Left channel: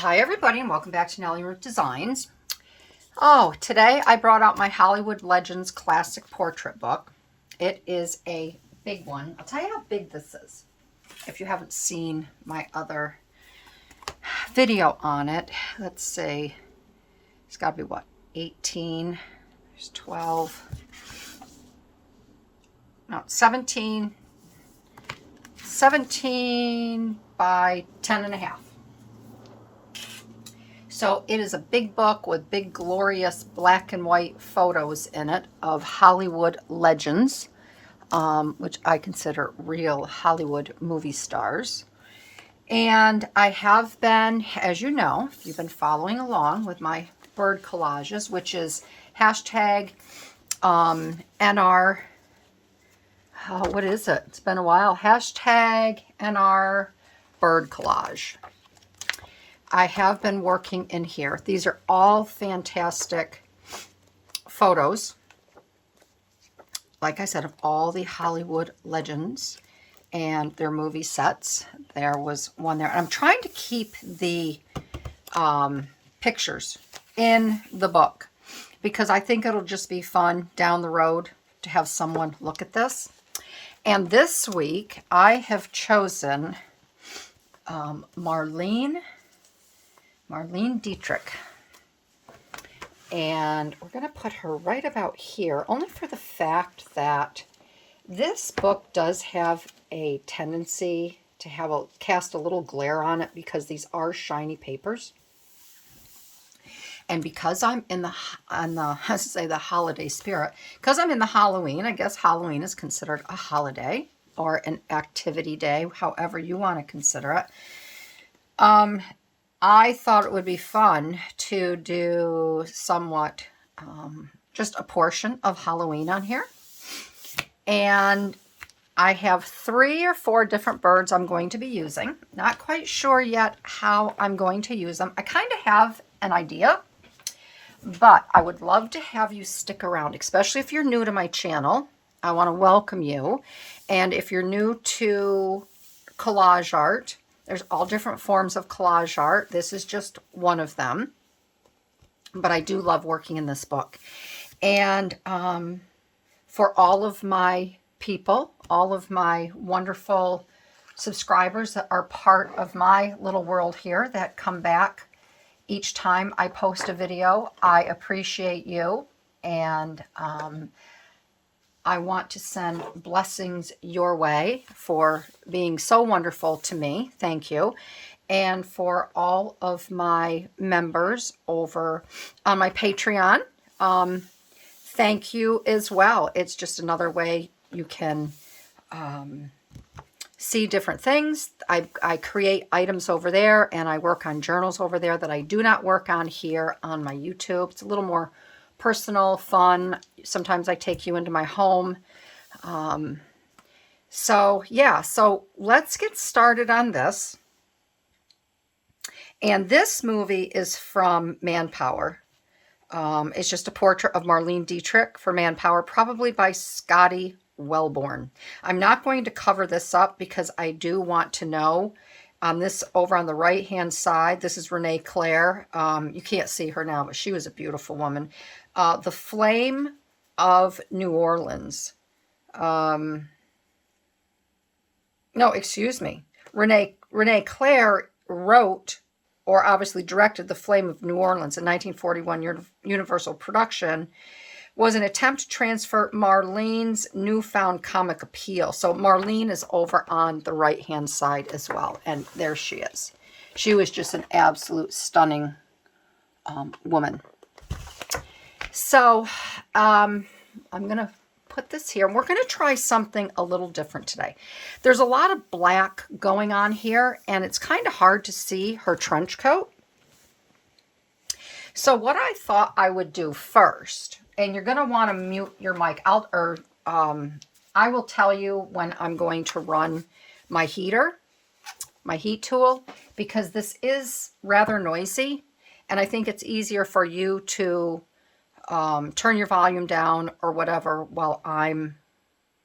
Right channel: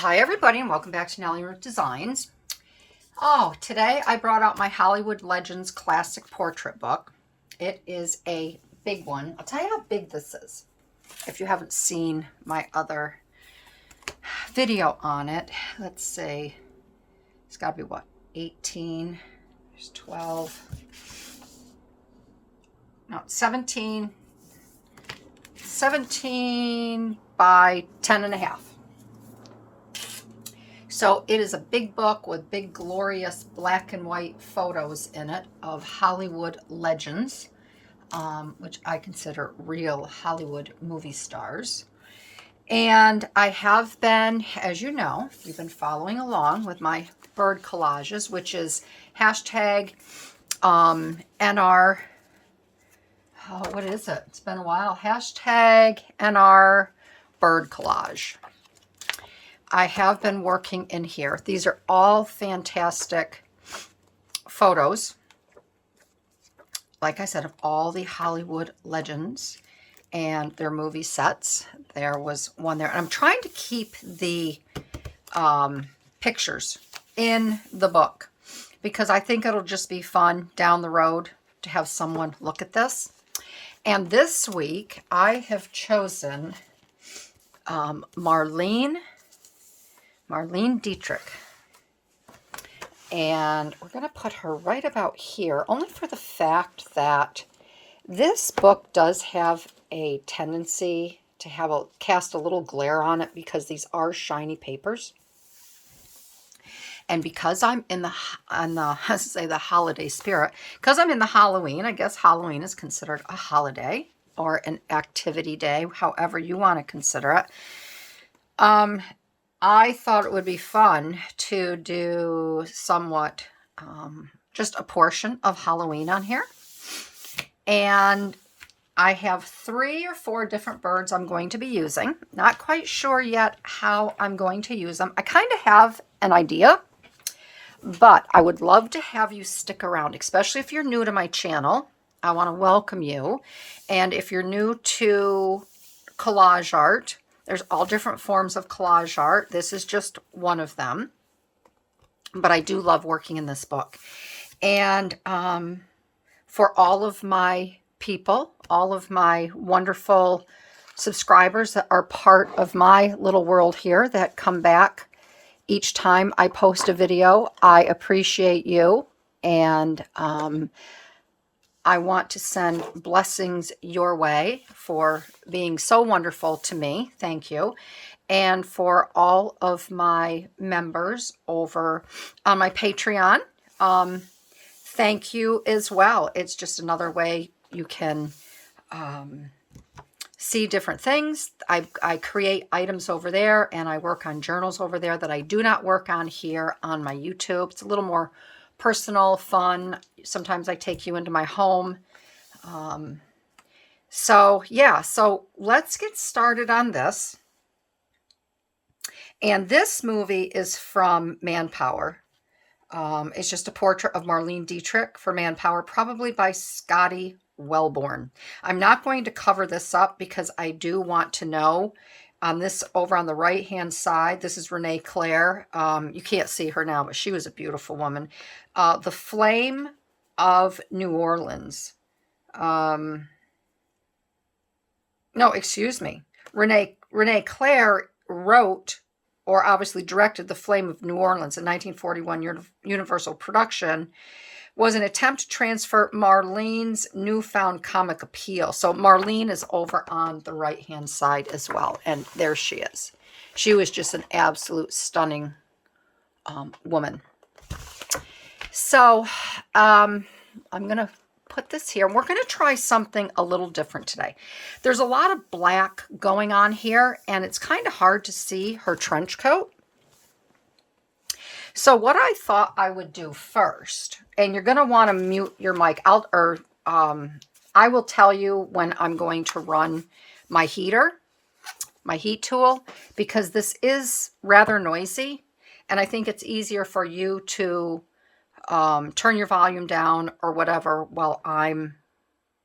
Hi everybody and welcome back to Nellie Ruth Designs. Oh, today I brought out my Hollywood Legends Classic Portrait book. It is a big one. I'll tell you how big this is if you haven't seen my other video on it. Let's see, it's got to be what, 18, there's 12, no, 17 by 10 and a half. So it is a big book with big glorious black and white photos in it of Hollywood legends, which I consider real Hollywood movie stars. And I have been, as you know, if you've been following along with my bird collages, which is hashtag NR, what is it? It's been a while. Hashtag NR bird collage. I have been working in here. These are all fantastic photos, like I said, of all the Hollywood legends and their movie sets. There was one there. And I'm trying to keep the pictures in the book because I think it'll just be fun down the road to have someone look at this. And this week I have chosen Marlene Dietrich, and we're going to put her right about here, only for the fact that this book does have a tendency to have cast a little glare on it because these are shiny papers, and because I'm in the holiday spirit, because I'm in the Halloween, I guess Halloween is considered a holiday or an activity day, however you want to consider it. I thought it would be fun to do somewhat, just a portion of Halloween on here. And I have 3 or 4 different birds I'm going to be using. Not quite sure yet how I'm going to use them. I kind of have an idea, but I would love to have you stick around, especially if you're new to my channel. I want to welcome you. And if you're new to collage art, there's all different forms of collage art. This is just one of them. But I do love working in this book. And for all of my people, all of my wonderful subscribers that are part of my little world here that come back each time I post a video, I appreciate you. And I want to send blessings your way for being so wonderful to me. Thank you. And for all of my members over on my Patreon, thank you as well. It's just another way you can see different things. I create items over there, and I work on journals over there that I do not work on here on my YouTube. It's a little more personal, fun. Sometimes I take you into my home. So yeah, so let's get started on this. And this movie is from Manpower. It's just a portrait of Marlene Dietrich for Manpower, probably by Scotty Wellborn. I'm not going to cover this up because I do want to know. On this, over on the right-hand side, this is Renee Claire. You can't see her now, but she was a beautiful woman. The Flame of New Orleans. No, excuse me. Renee Claire wrote, or obviously directed, The Flame of New Orleans, a 1941 Universal production. Was an attempt to transfer Marlene's newfound comic appeal. So Marlene is over on the right-hand side as well. And there she is. She was just an absolute stunning woman. So I'm going to put this here. We're going to try something a little different today. There's a lot of black going on here, and it's kind of hard to see her trench coat. So what I thought I would do first, and you're going to want to mute your mic. I will tell you when I'm going to run my heater, my heat tool, because this is rather noisy, and I think it's easier for you to turn your volume down or whatever while I'm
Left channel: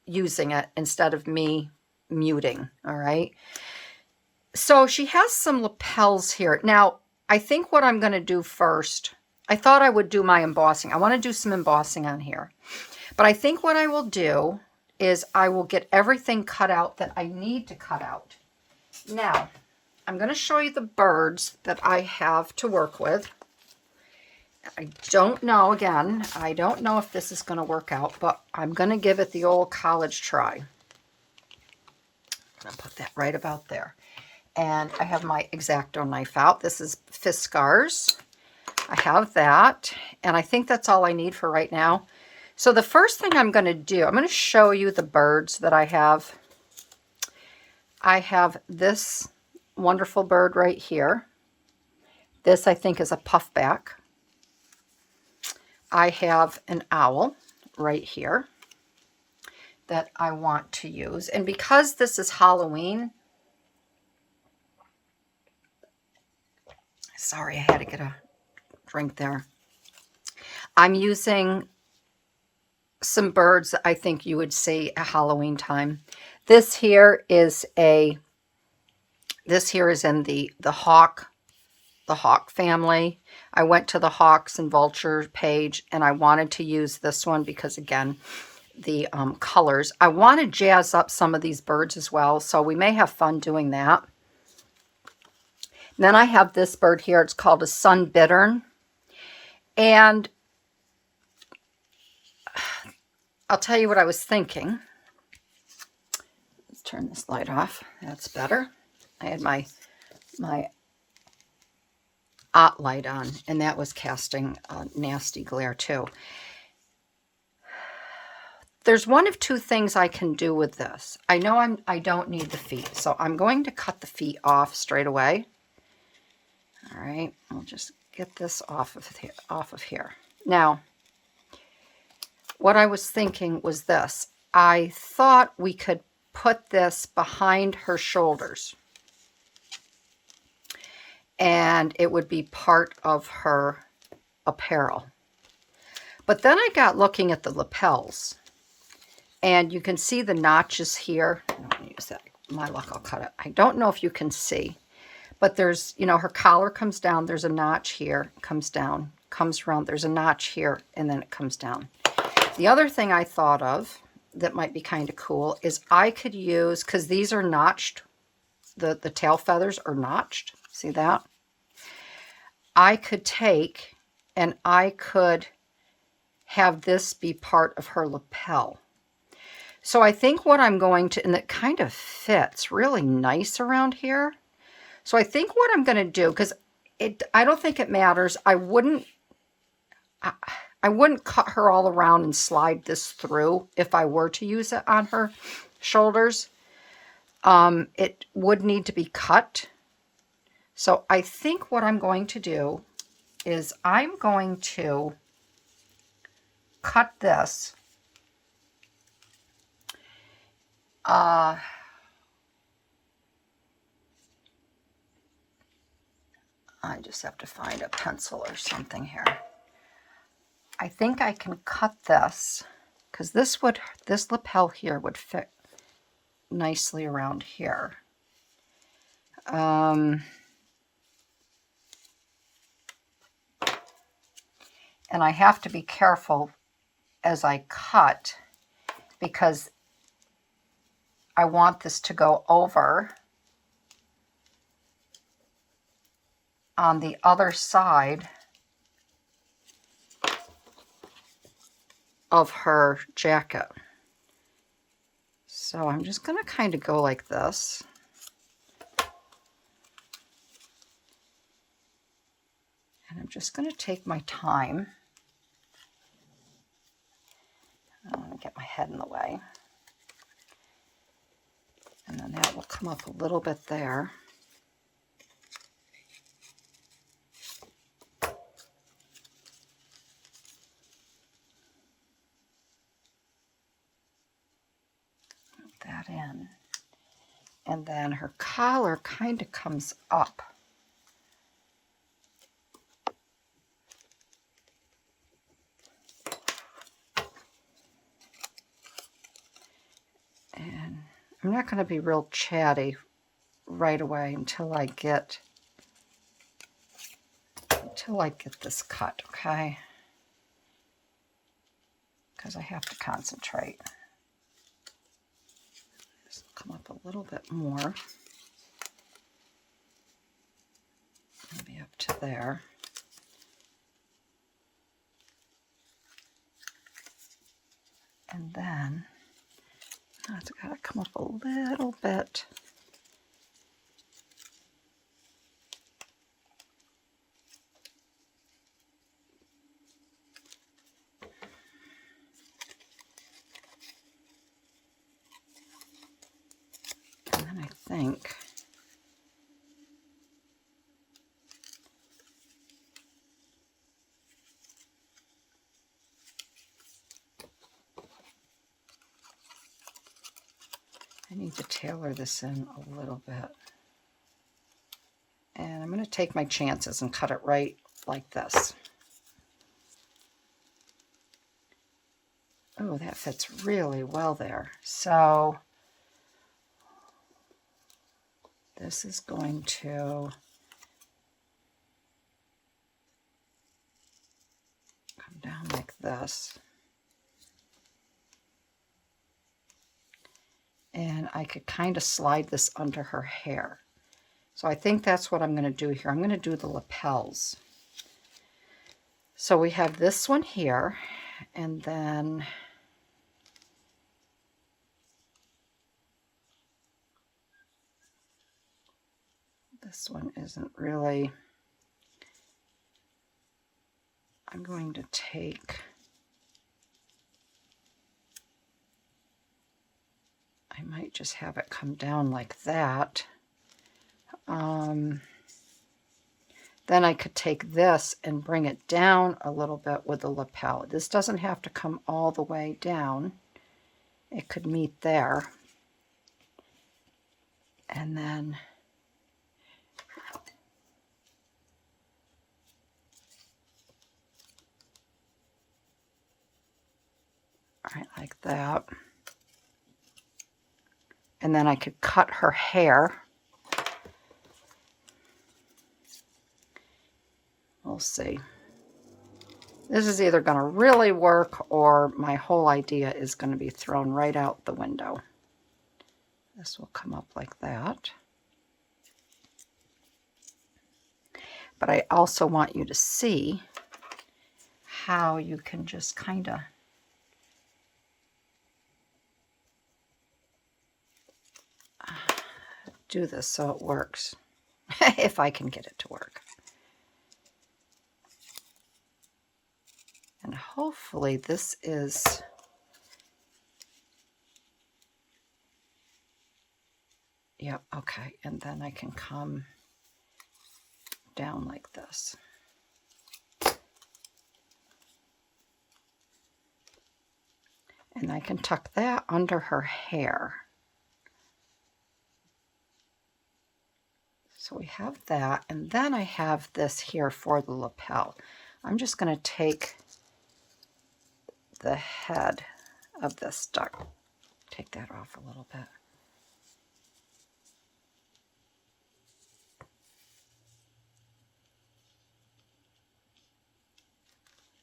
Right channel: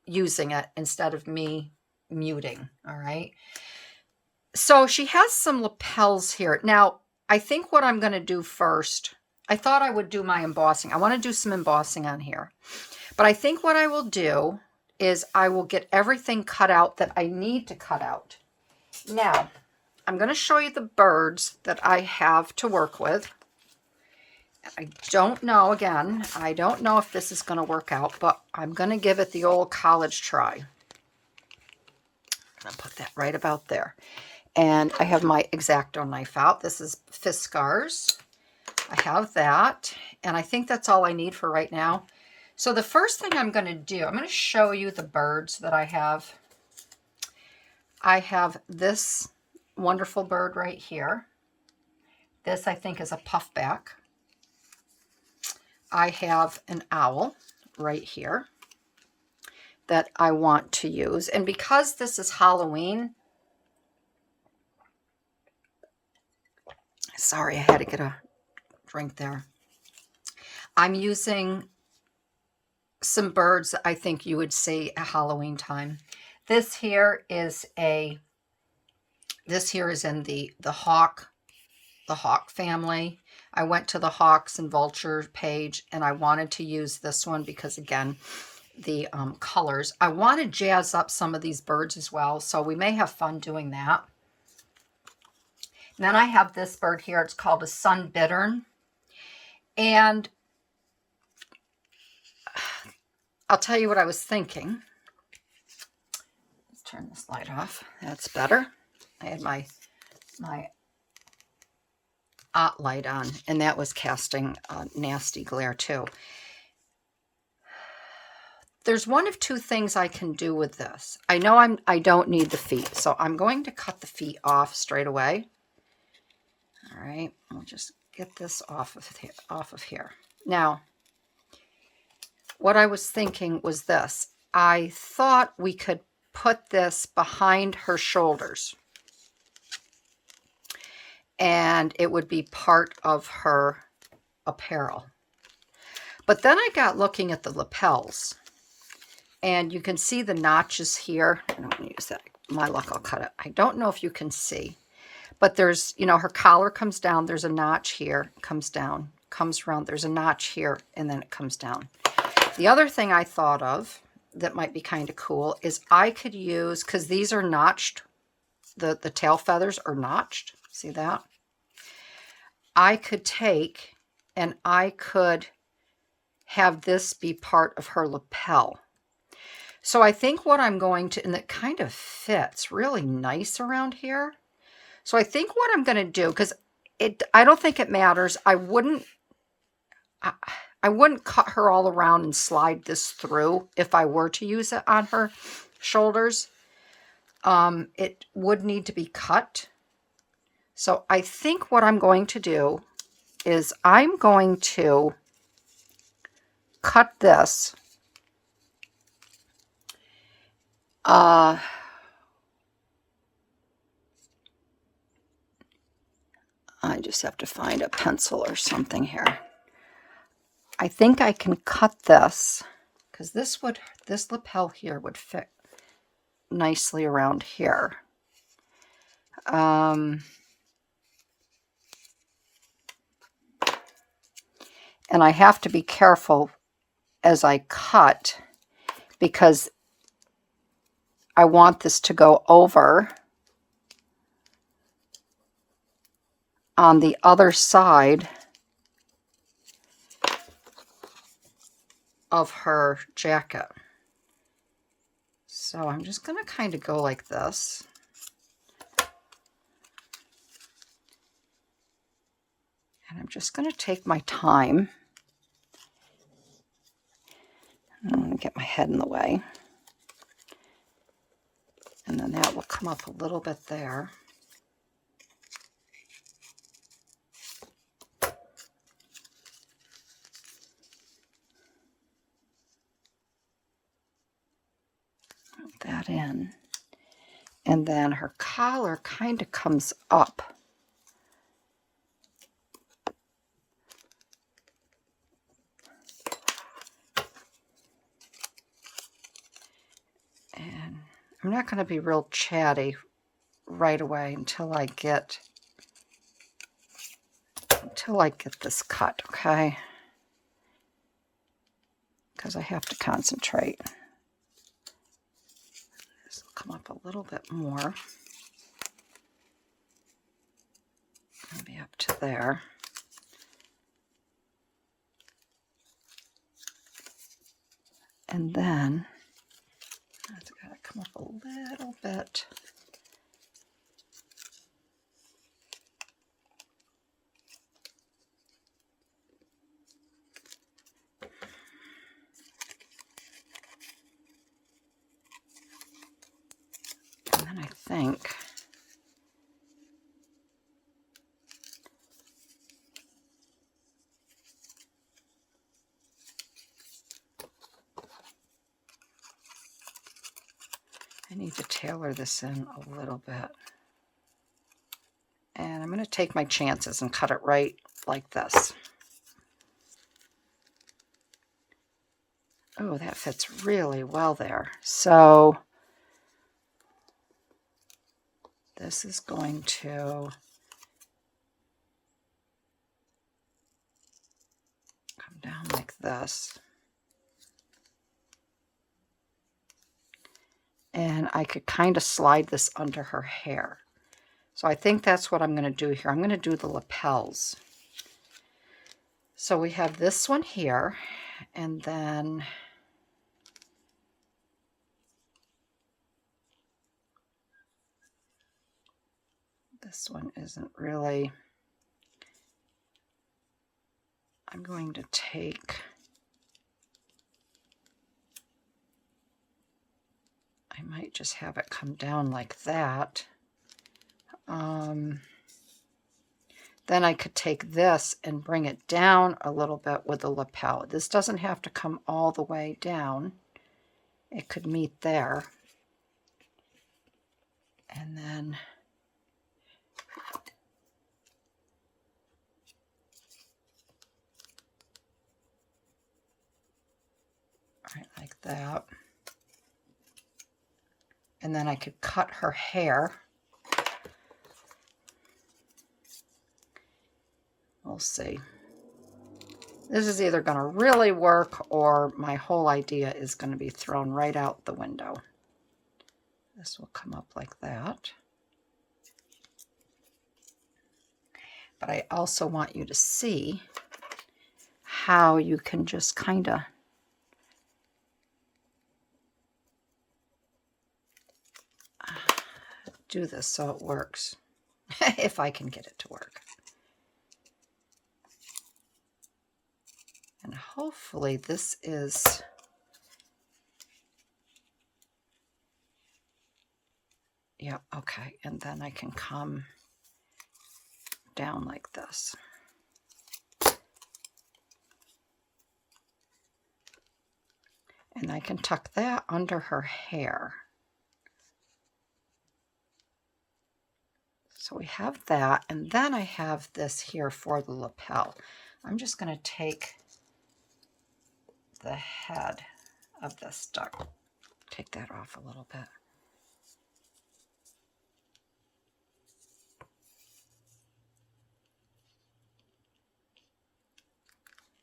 using it instead of me muting. All right. So she has some lapels here. Now, I think what I'm going to do first, I thought I would do my embossing. I want to do some embossing on here. But I think what I will do is I will get everything cut out that I need to cut out. Now, I'm going to show you the birds that I have to work with. I don't know, again, I don't know if this is going to work out, but I'm going to give it the old college try. I'm going to put that right about there. And I have my X-Acto knife out. This is Fiskars. I have that, and I think that's all I need for right now. So the first thing I'm going to do, I'm going to show you the birds that I have. I have this wonderful bird right here. This, I think, is a puffback. I have an owl right here that I want to use. And because this is Halloween, sorry, I had to get a drink there. I'm using some birds that I think you would see at Halloween time. This here is in the hawk family. I went to the hawks and vulture page, and I wanted to use this one because, again, the colors. I want to jazz up some of these birds as well, so we may have fun doing that. And then I have this bird here. It's called a sun bittern. And I'll tell you what I was thinking. Let's turn this light off. That's better. I had my light on, and that was casting a nasty glare too. There's one of two things I can do with this. I know I don't need the feet, so I'm going to cut the feet off straight away. All right, I'll just get this off of here. Now, what I was thinking was this. I thought we could put this behind her shoulders, and it would be part of her apparel. But then I got looking at the lapels, and you can see the notches here. I'm going to use that. My luck, I'll cut it. I don't know if you can see, but there's, you know, her collar comes down. There's a notch here, comes down, comes around. There's a notch here, and then it comes down. The other thing I thought of that might be kind of cool is I could use, because these are notched, the tail feathers are notched. See that? I could take and I could have this be part of her lapel. So I think what I'm going to, and it kind of fits really nice around here. So I think what I'm going to do, because I don't think it matters. I wouldn't cut her all around and slide this through if I were to use it on her shoulders. It would need to be cut. So I think what I'm going to do is I'm going to cut this. I just have to find a pencil or something here. I think I can cut this because this lapel here would fit nicely around here. And I have to be careful as I cut because I want this to go over on the other side of her jacket. So I'm just going to kind of go like this. And I'm just going to take my time. I'm going to get my head in the way. And then that will come up a little bit there. Put that in. And then her collar kind of comes up. And I'm not going to be real chatty right away until I get till I get this cut, okay? Because I have to concentrate. This will come up a little bit more. Maybe up to there. And then it's got to come up a little bit. And then I think I need to tailor this in a little bit. And I'm going to take my chances and cut it right like this. Oh, that fits really well there. So this is going to come down like this. And I could kind of slide this under her hair. So I think that's what I'm going to do here. I'm going to do the lapels. So we have this one here, and then this one isn't really, I'm going to take, I might just have it come down like that. Then I could take this and bring it down a little bit with the lapel. This doesn't have to come all the way down. It could meet there. And then right like that. And then I could cut her hair. We'll see. This is either going to really work or my whole idea is going to be thrown right out the window. This will come up like that. But I also want you to see how you can just kind of do this so it works, if I can get it to work. And hopefully this is, yep, okay. And then I can come down like this. And I can tuck that under her hair. So we have that, and then I have this here for the lapel. I'm just going to take the head of this duck, take that off a little bit.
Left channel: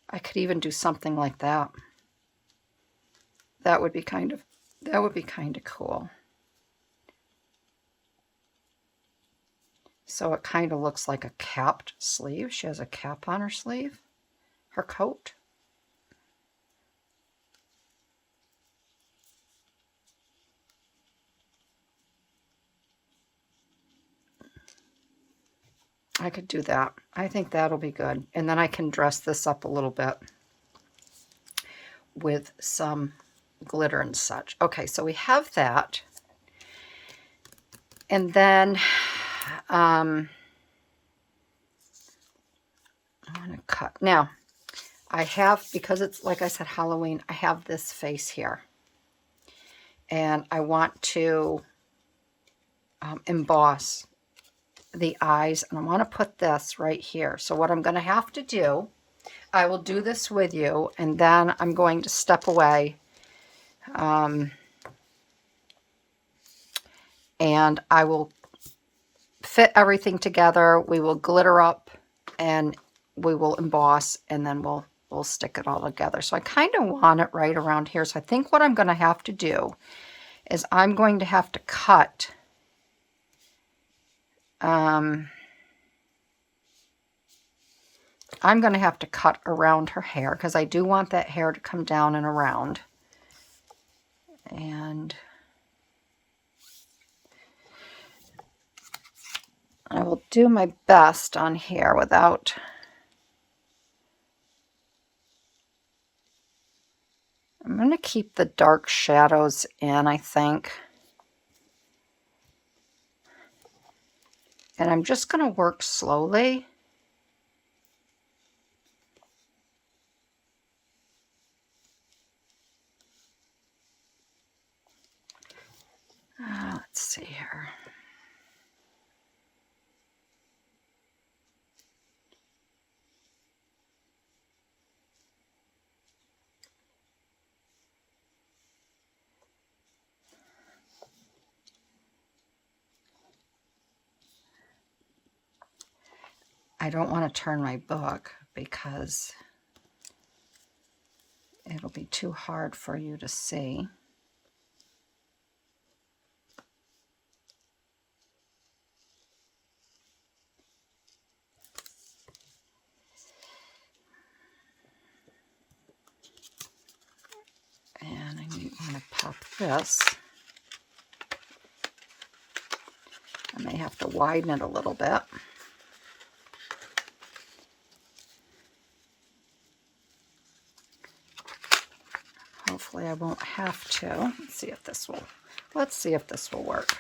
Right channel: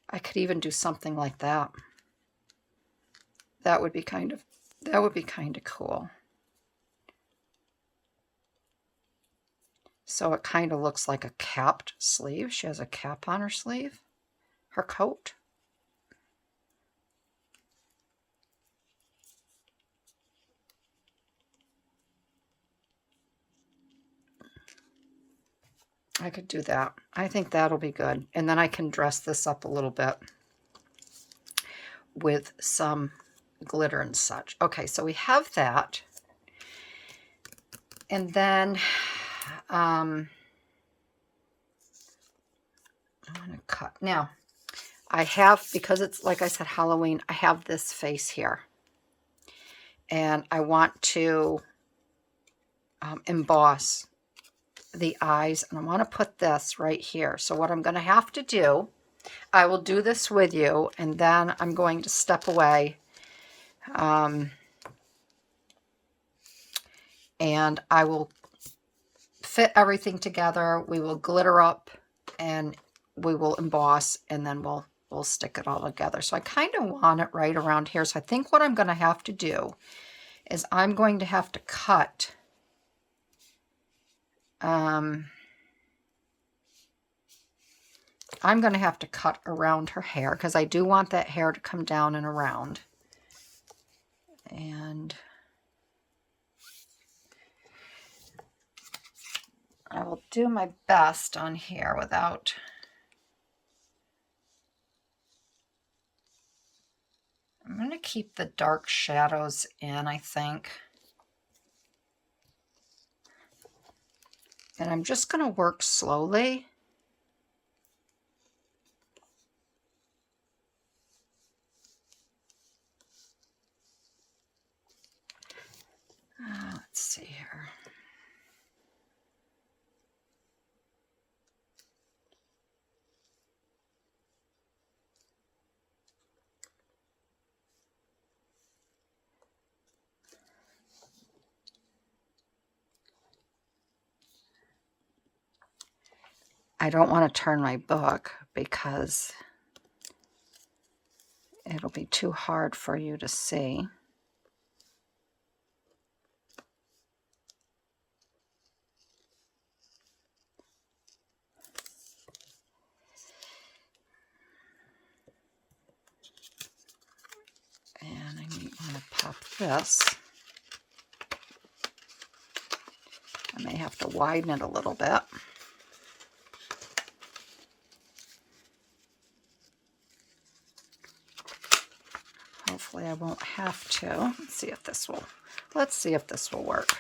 I could even do something like that. That would be kind of cool. So it kind of looks like a capped sleeve. She has a cap on her sleeve, her coat. I could do that. I think that'll be good. And then I can dress this up a little bit with some glitter and such. Okay, so we have that. And then I want to cut. Now, I have, because it's, like I said, Halloween, I have this face here. And I want to emboss the eyes, and I want to put this right here. So what I'm going to have to do, I will do this with you, and then I'm going to step away, and I will fit everything together. We will glitter up and we will emboss, and then we'll stick it all together. So I kind of want it right around here. So I think what I'm going to have to do is I'm going to have to cut I'm going to have to cut around her hair because I do want that hair to come down and around. And I will do my best on here without... I'm going to keep the dark shadows in, I think. And I'm just going to work slowly. Let's see here. I don't want to turn my book because it'll be too hard for you to see. And I might want to pop this. I may have to widen it a little bit. Hopefully I won't have to. Let's see if this will work.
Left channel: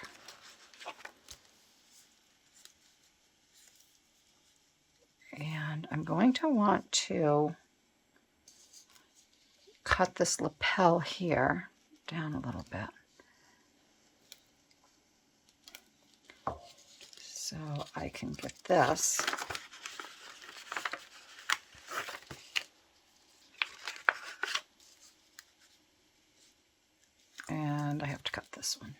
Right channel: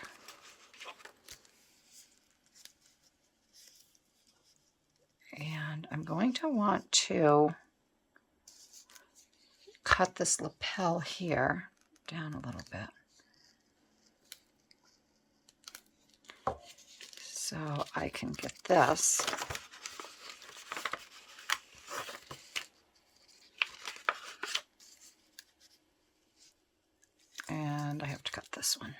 And I'm going to want to cut this lapel here down a little bit. So I can get this. And I have to cut this one.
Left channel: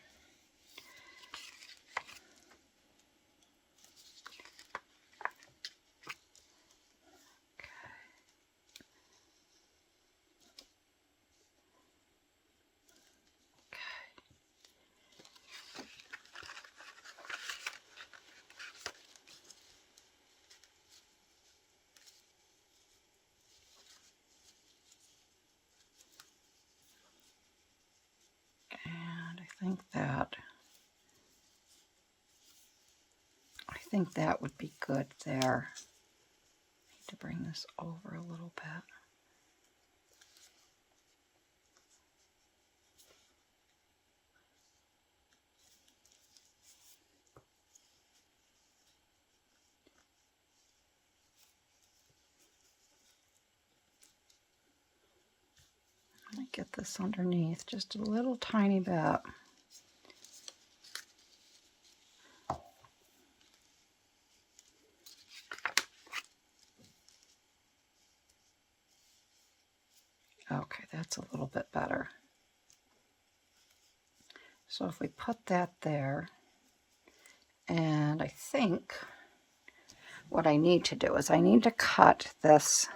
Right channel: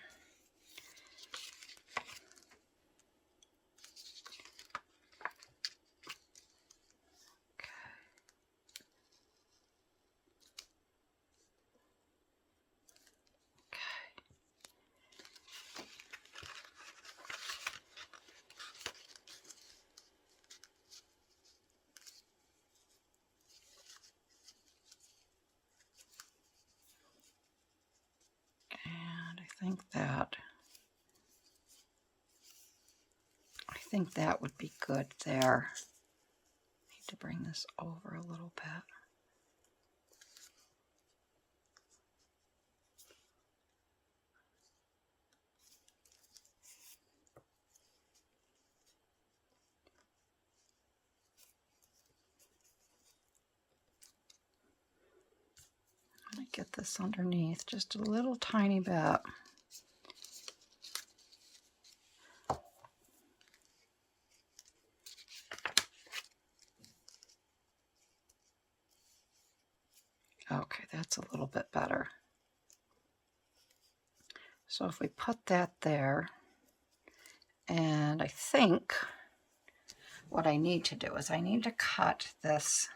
I think that would be good there. Need to bring this over a little bit. I'm going to get this underneath just a little tiny bit. Okay, that's a little bit better. So if we put that there, and I think what I need to do is I need to cut this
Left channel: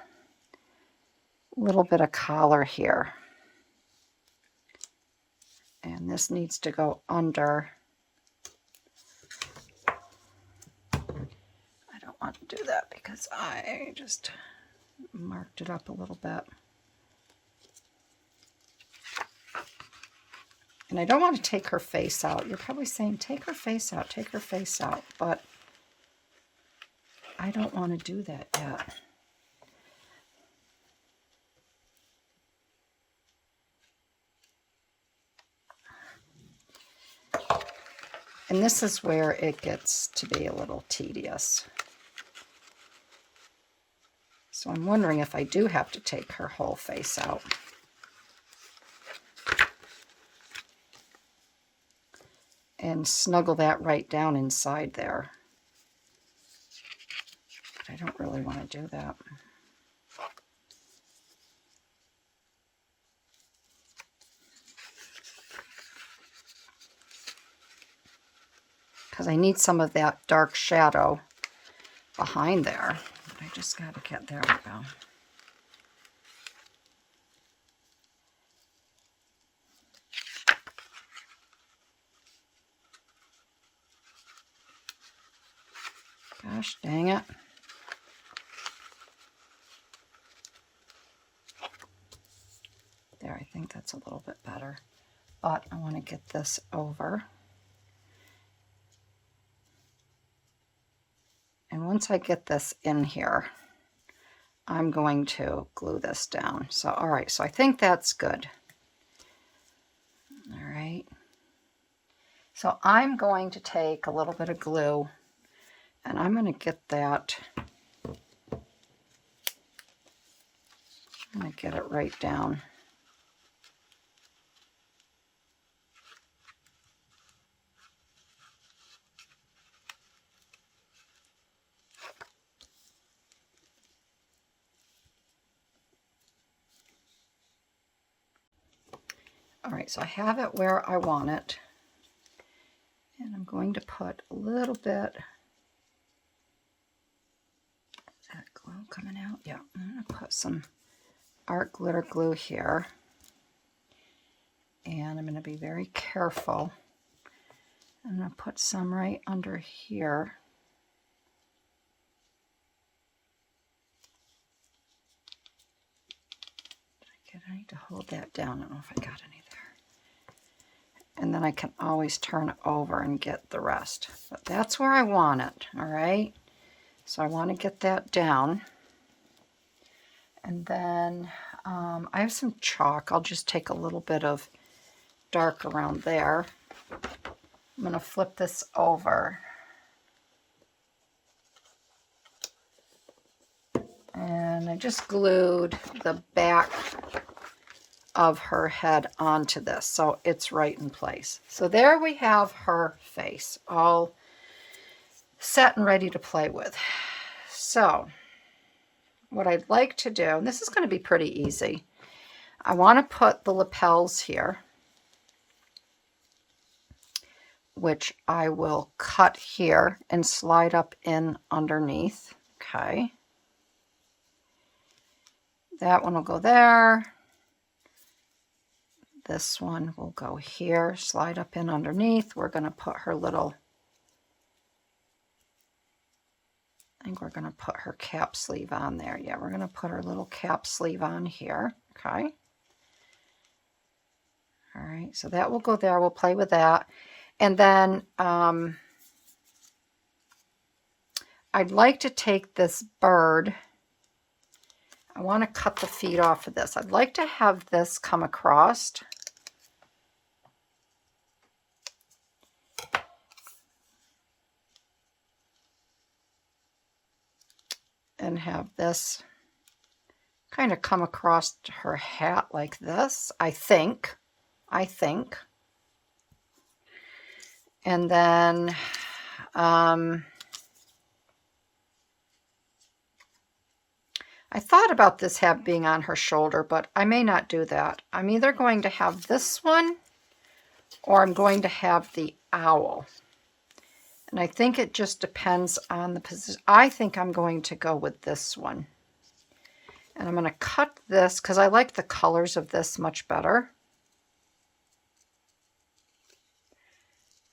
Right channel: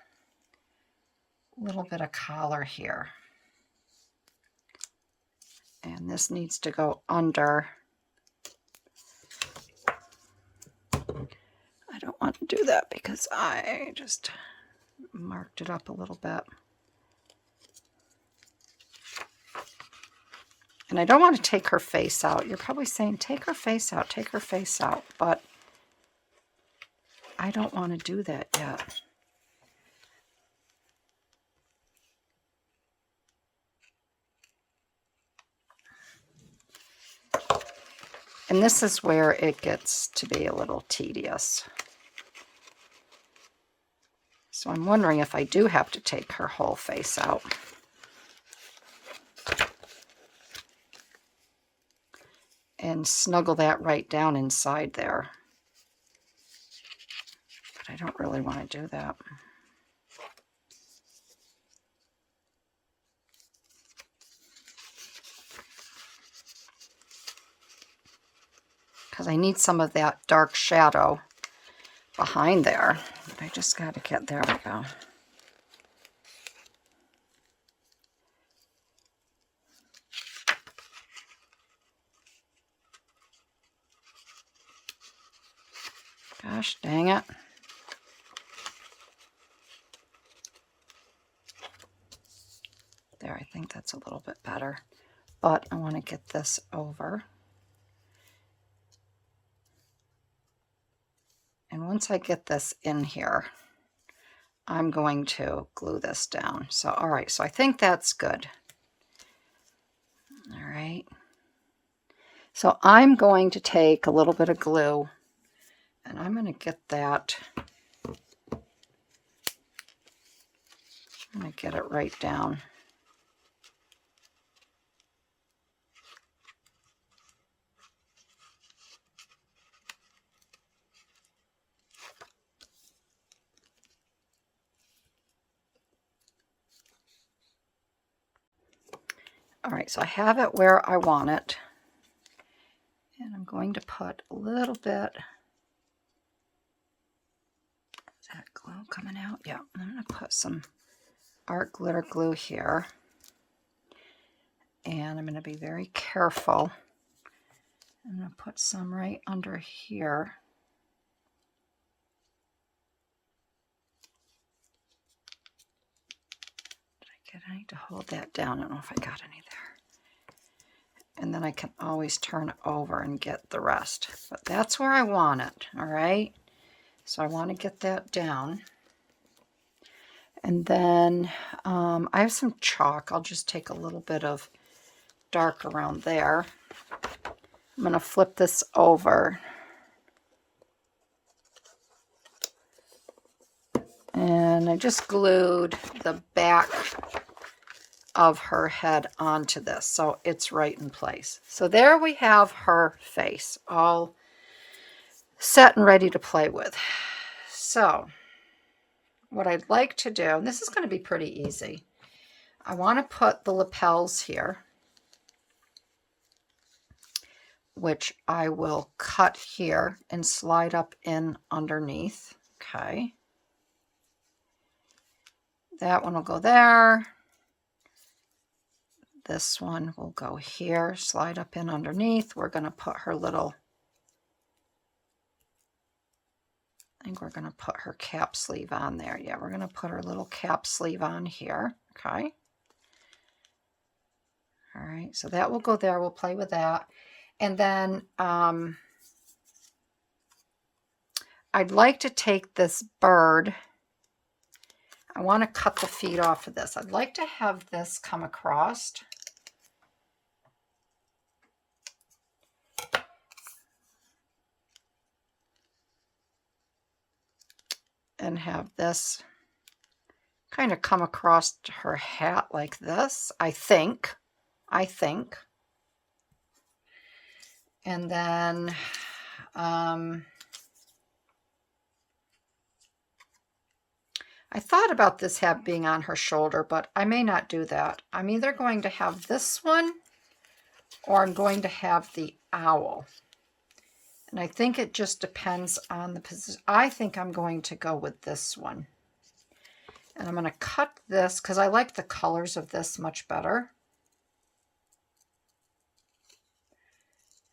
little bit of collar here. And this needs to go under. I don't want to do that because I just marked it up a little bit. And I don't want to take her face out. You're probably saying, take her face out, take her face out. But I don't want to do that yet. And this is where it gets to be a little tedious. So I'm wondering if I do have to take her whole face out. And snuggle that right down inside there. But I don't really want to do that. Because I need some of that dark shadow behind there. I just got to get, there we go. Gosh dang it. There, I think that's a little bit better. But I want to get this over. And once I get this in here, I'm going to glue this down. So, all right, so I think that's good. All right. So I'm going to take a little bit of glue and I'm going to get that, I'm going to get it right down. All right, so I have it where I want it. And I'm going to put a little bit, is that glue coming out? Yeah, I'm going to put some art glitter glue here. And I'm going to be very careful. I'm going to put some right under here. I need to hold that down. I don't know if I got any there. And then I can always turn it over and get the rest. But that's where I want it, all right? So I want to get that down. And then I have some chalk. I'll just take a little bit of dark around there. I'm going to flip this over. And I just glued the back of her head onto this, so it's right in place. So there we have her face all set and ready to play with. So what I'd like to do, and this is going to be pretty easy, I want to put the lapels here, which I will cut here and slide up in underneath. Okay, that one will go there. This one will go here, slide up in underneath. We're going to put her little, I think we're going to put her cap sleeve on there. Yeah, we're going to put her little cap sleeve on here. Okay. All right, so that will go there. We'll play with that. And then I'd like to take this bird. I want to cut the feet off of this. I'd like to have this come across. And have this kind of come across her hat like this, I think. And then I thought about this hat being on her shoulder, but I may not do that. I'm either going to have this one or I'm going to have the owl. And I think it just depends on the position. I think I'm going to go with this one. And I'm going to cut this because I like the colors of this much better.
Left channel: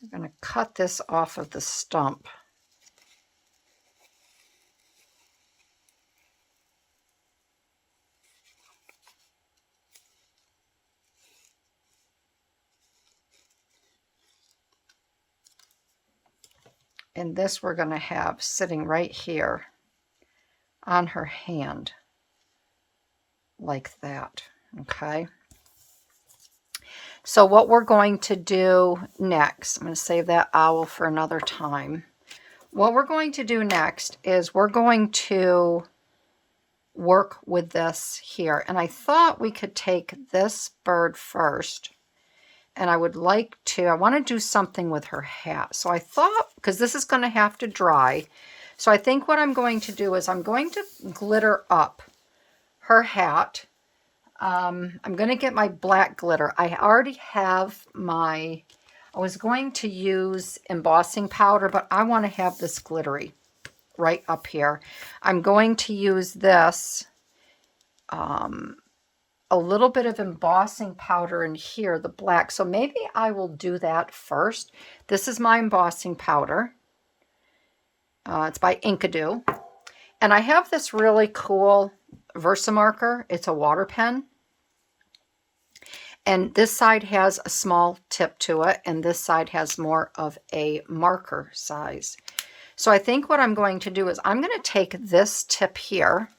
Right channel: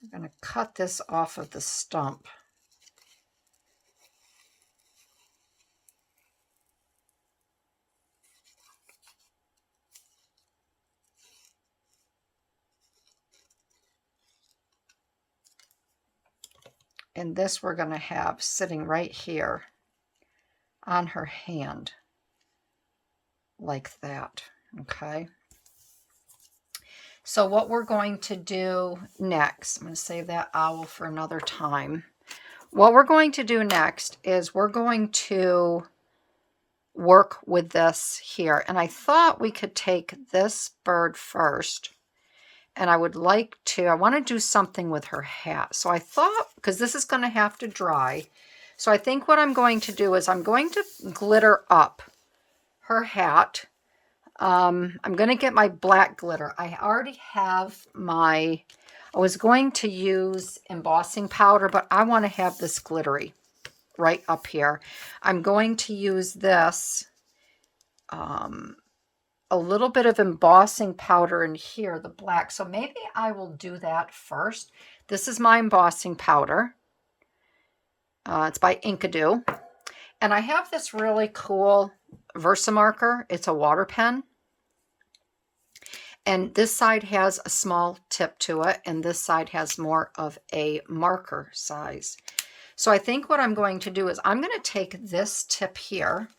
I'm going to cut this off of the stump. And this we're going to have sitting right here on her hand, like that, okay? So what we're going to do next, I'm going to save that owl for another time. What we're going to do next is we're going to work with this here. And I thought we could take this bird first. And I would like to, I want to do something with her hat. So I thought, because this is going to have to dry, so I think what I'm going to do is I'm going to glitter up her hat. I'm going to get my black glitter. I already have my, I was going to use embossing powder, but I want to have this glittery. right up here. I'm going to use this, a little bit of embossing powder in here, the black. So maybe I will do that first. This is my embossing powder. It's by Inkadoo. And I have this really cool Versamarker. It's a water pen. And this side has a small tip to it, and this side has more of a marker size. So I think what I'm going to do is I'm going to take this tip here,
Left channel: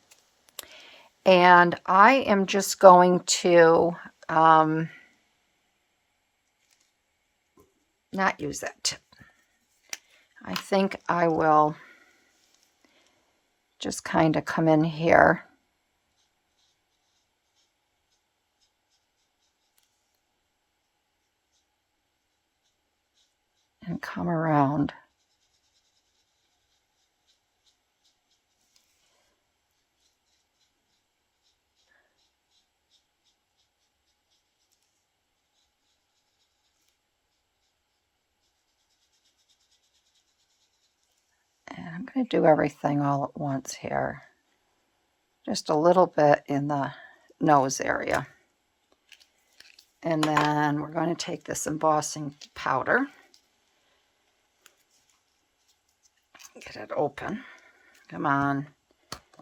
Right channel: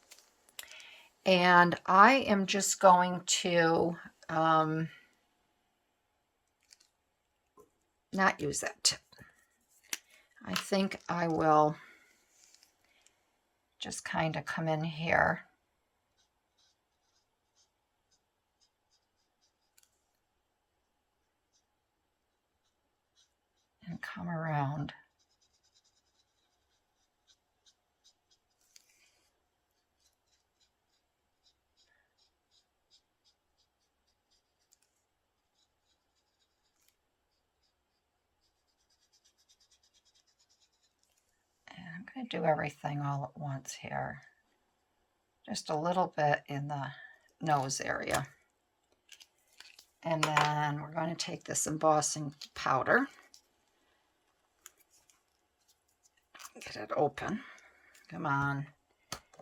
and I am just going to not use that tip. I think I will just kind of come in here. And come around. And I'm going to do everything all at once here. Just a little bit in the nose area. And then we're going to take this embossing powder. Get it open. Come on.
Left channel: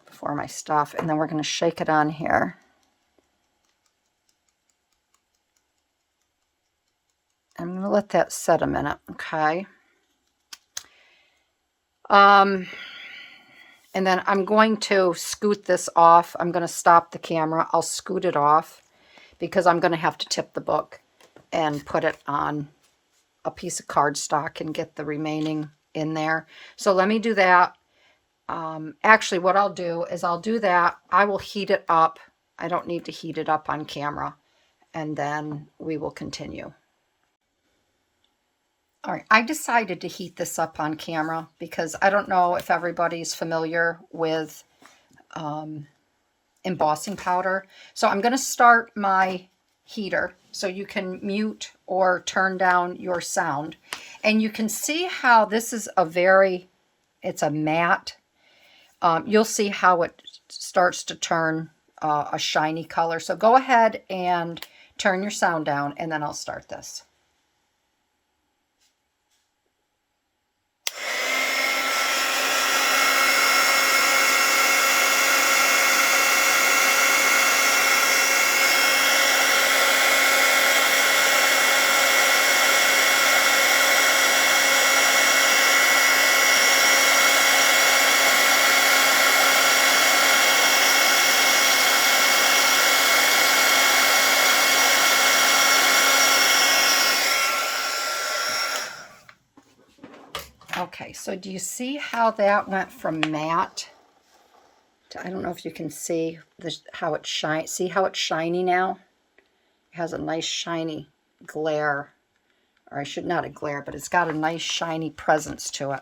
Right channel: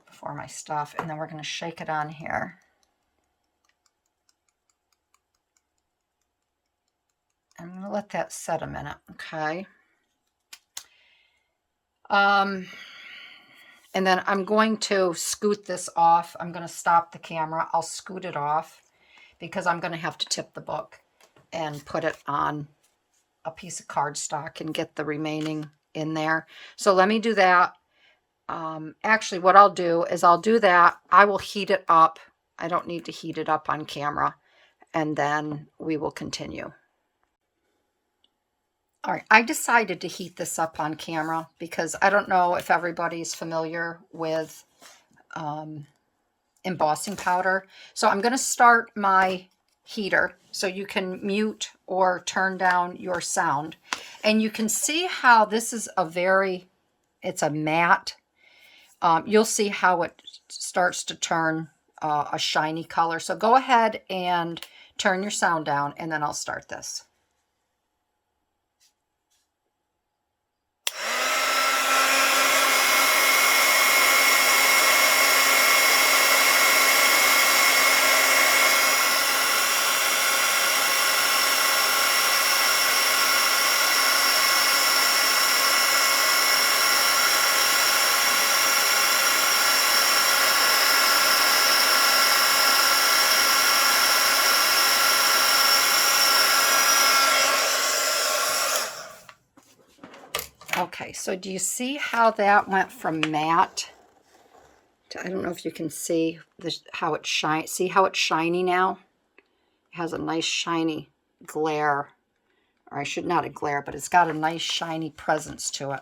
Before my stuff. And then we're going to shake it on here. I'm going to let that set a minute, okay? And then I'm going to scoot this off. I'm going to stop the camera. I'll scoot it off because I'm going to have to tip the book and put it on a piece of cardstock and get the remaining in there. So let me do that. Actually, what I'll do is I'll do that. I will heat it up. I don't need to heat it up on camera. And then we will continue. All right, I decided to heat this up on camera because I don't know if everybody's familiar with embossing powder. So I'm going to start my heater so you can mute or turn down your sound. And you can see how this is it's a matte. You'll see how it starts to turn a shiny color. So go ahead and turn your sound down, and then I'll start this. Okay, so do you see how that went from matte to, I don't know if you can see how it shines. See how it's shiny now? It has a nice shiny glare, or I should not a glare, but it's got a nice shiny presence to it.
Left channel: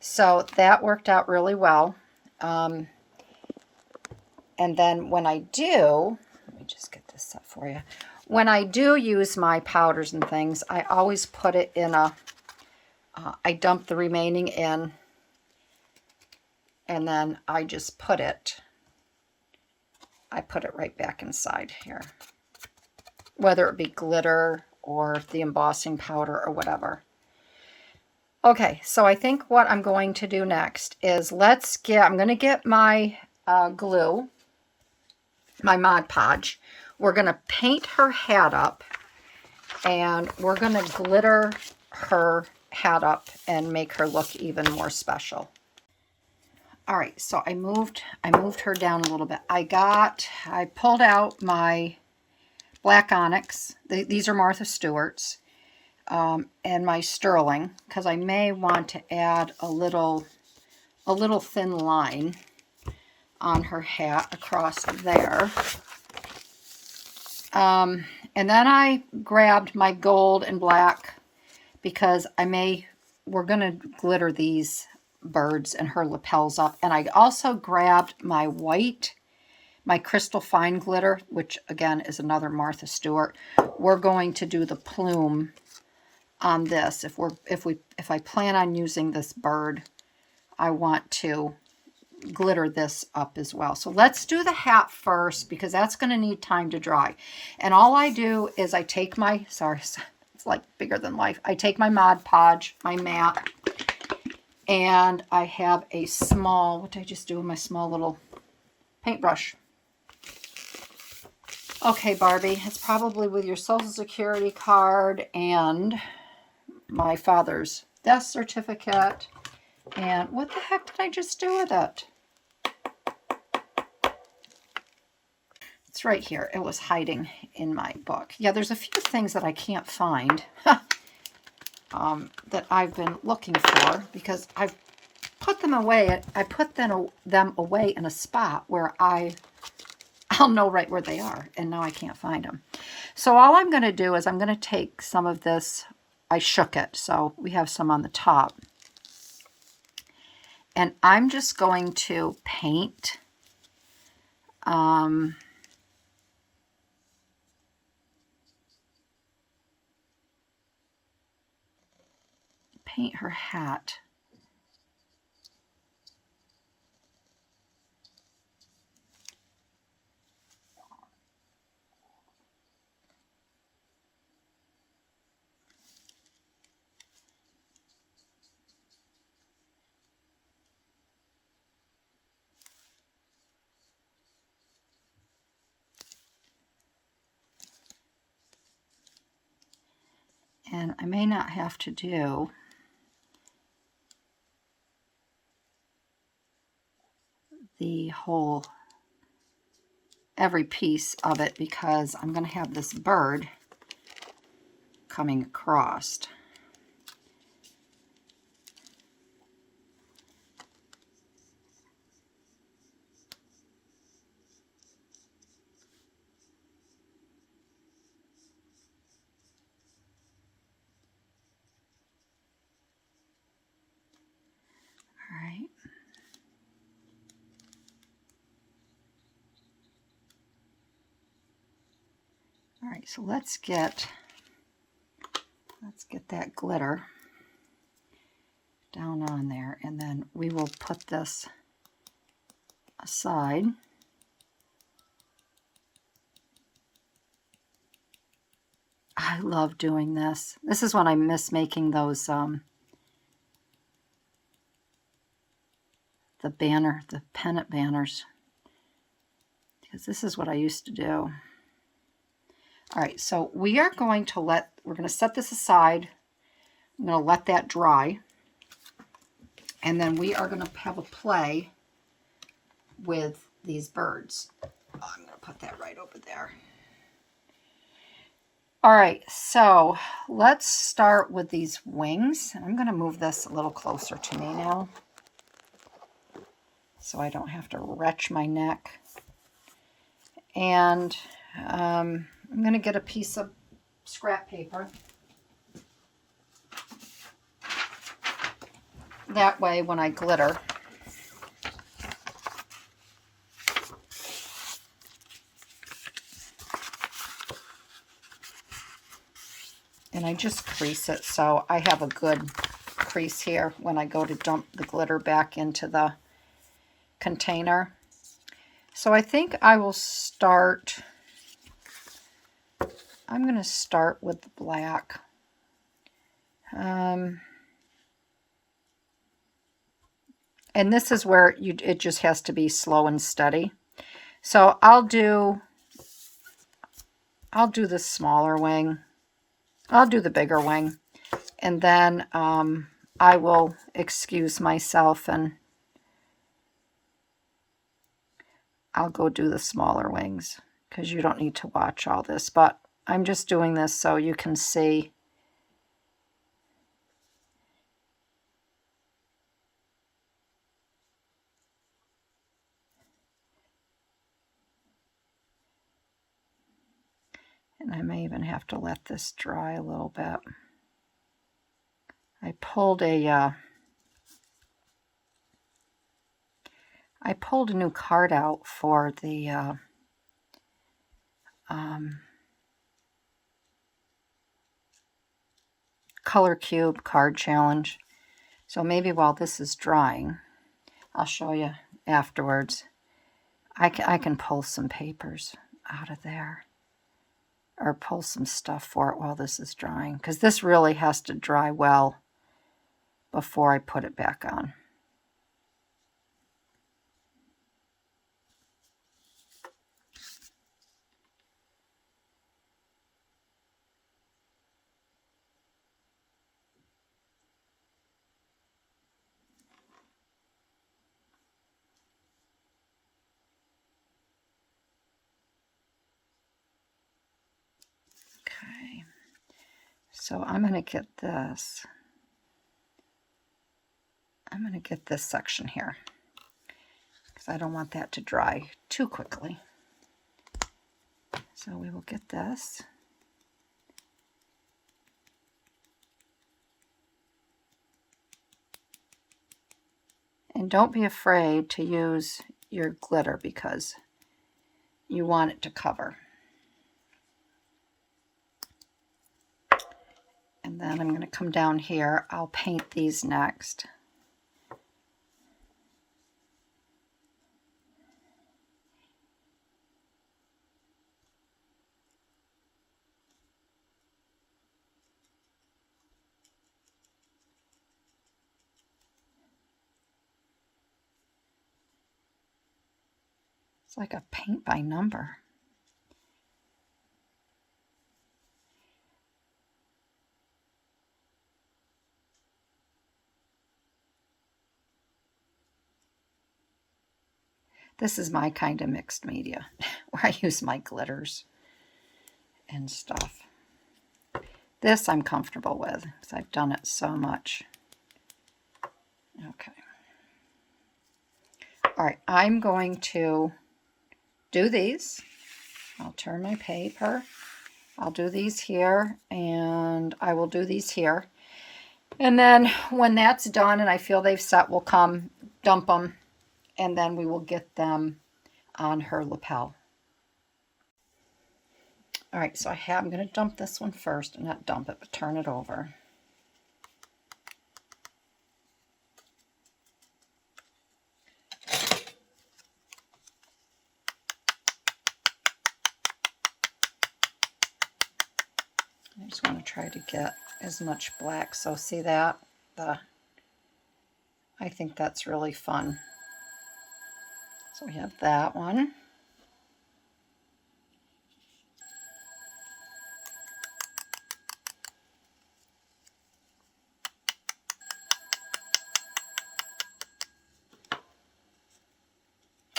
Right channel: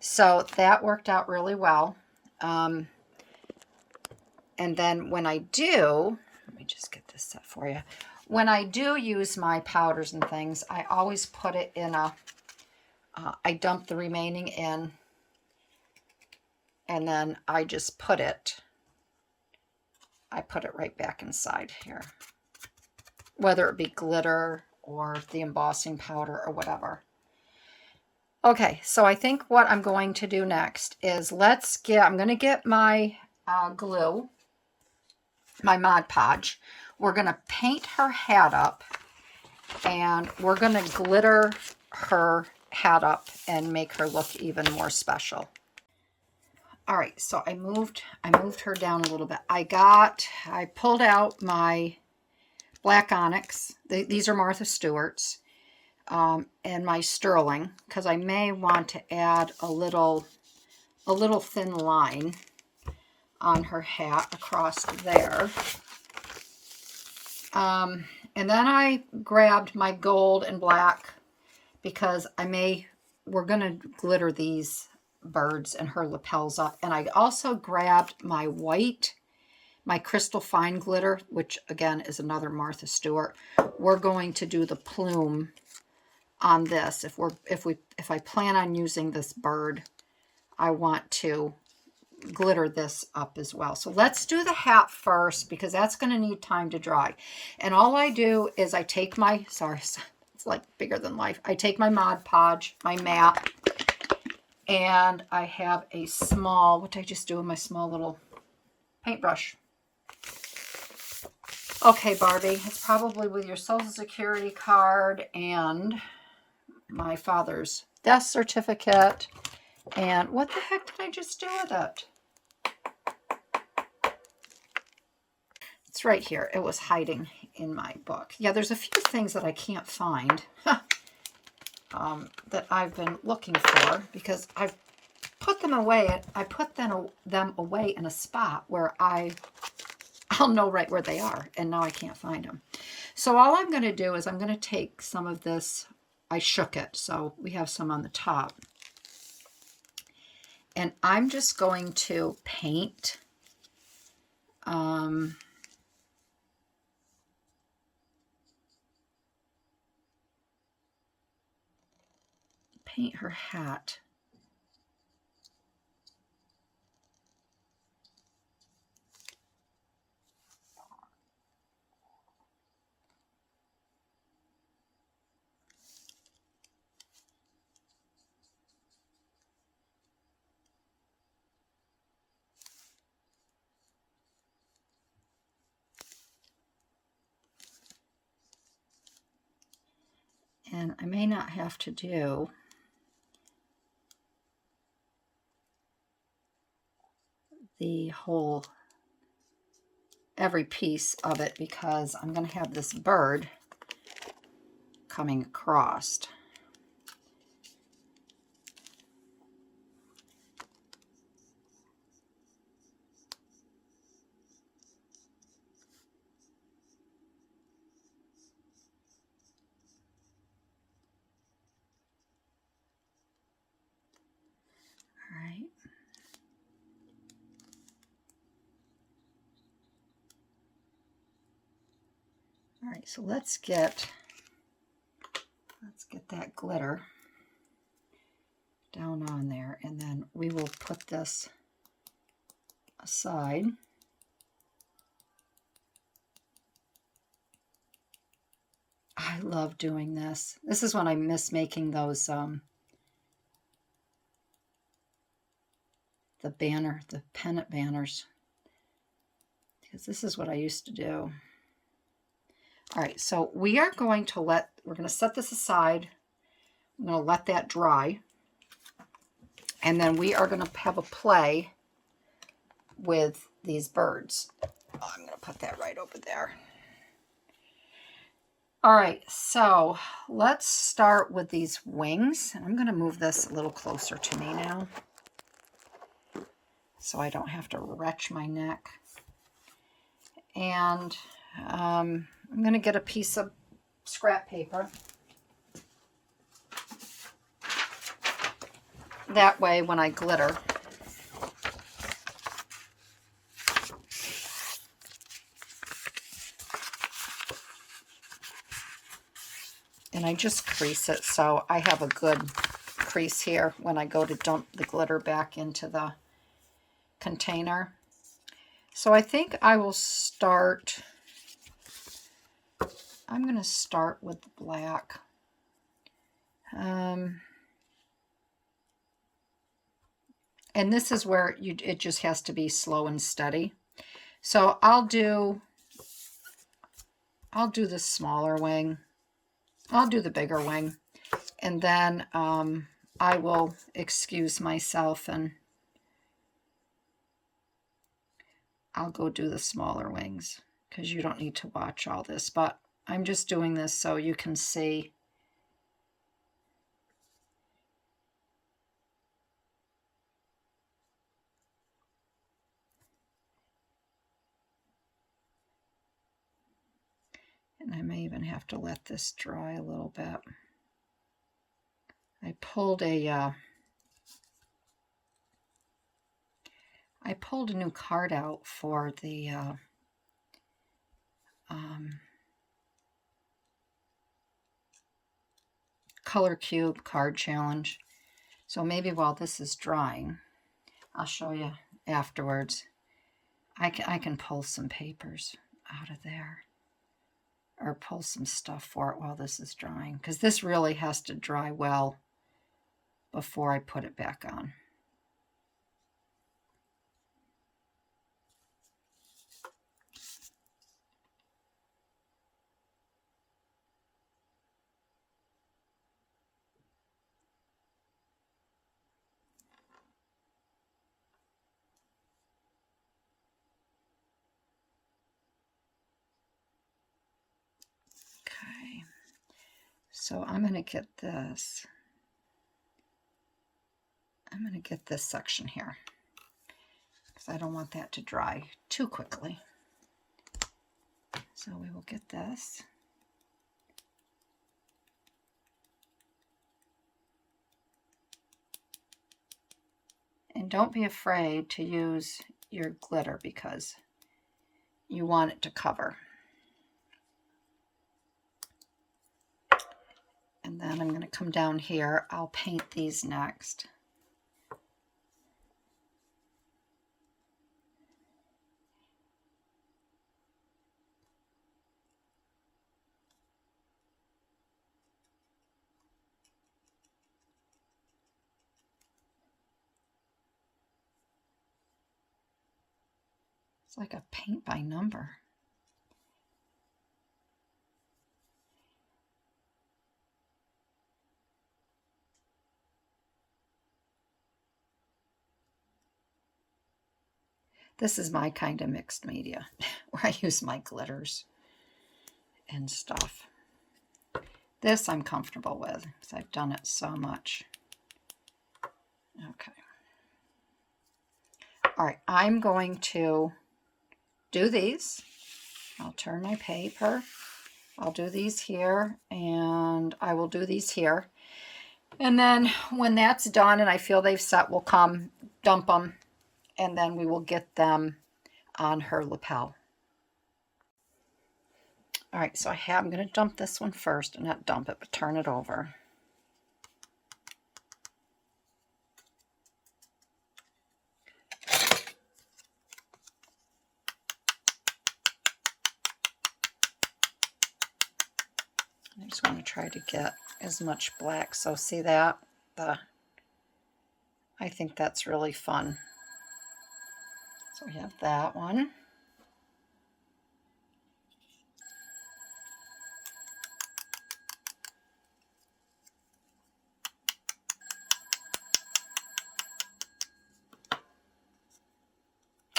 So that worked out really well. And then when I do, let me just get this set for you. When I do use my powders and things, I always put it in a I dump the remaining in, and then I just put it right back inside here, whether it be glitter or the embossing powder or whatever. Okay, so I think what I'm going to do next is I'm going to get my glue, my Mod Podge. We're going to paint her hat up, and we're going to glitter her hat up and make her look even more special. All right, so I moved her down a little bit. I pulled out my black onyx. These are Martha Stewart's, and my sterling, because I may want to add a little thin line on her hat across there. And then I grabbed my gold and black, because we're going to glitter these birds and her lapels up. And I also grabbed my white, my crystal fine glitter, which again is another Martha Stewart. We're going to do the plume on this. If I plan on using this bird, I want to glitter this up as well. So let's do the hat first because that's going to need time to dry. And all I do is I take my, sorry, it's like bigger than life. I take my Mod Podge, my mat, and I have a small, what did I just do with my small little paintbrush? Okay, Barbie, it's probably with your Social Security card and my father's death certificate. And what the heck did I just do with it? It's right here. It was hiding in my book. Yeah, there's a few things that I can't find that I've been looking for because I've put them away. I put them away in a spot where I'll know right where they are, and now I can't find them. So all I'm going to do is I'm going to take some of this. I shook it, so we have some on the top. And I'm just going to paint paint her hat. And I may not have to do the whole, every piece of it because I'm going to have this bird coming across. All right. All right, so let's get that glitter down on there, and then we will put this aside. I love doing this. This is when I miss making those the pennant banners, because this is what I used to do. All right, so we're going to set this aside. I'm going to let that dry. And then we are going to have a play with these birds. Oh, I'm going to put that right over there. All right, so let's start with these wings. I'm going to move this a little closer to me now so I don't have to retch my neck. And I'm going to get a piece of scrap paper. That way when I glitter, and I just crease it so I have a good crease here when I go to dump the glitter back into the container. So I think I will start, I'm going to start with the black. And this is where it just has to be slow and steady. So I'll do the smaller wing. I'll do the bigger wing. And then I will excuse myself and I'll go do the smaller wings because you don't need to watch all this. But I'm just doing this so you can see. And I may even have to let this dry a little bit. I pulled a new card out for the Color Cube card challenge. So maybe while this is drying, I'll show you afterwards. I can pull some papers out of there, or pull some stuff for it while this is drying, because this really has to dry well before I put it back on. Okay, so I'm going to get this. I'm going to get this section here because I don't want that to dry too quickly. So we will get this. And don't be afraid to use your glitter because you want it to cover. And then I'm going to come down here. I'll paint these next. It's like a paint by number. This is my kind of mixed media where I use my glitters and stuff. This I'm comfortable with because I've done it so much. Okay. All right, I'm going to do these. I'll turn my paper. I'll do these here, and I will do these here. And then when that's done and I feel they've set, we'll come dump them, and then we will get them on her lapel. All right, so I'm going to dump this one first, and not dump it, but turn it over. I just want to try to get as much black. So see that? I think that's really fun. So we have that one.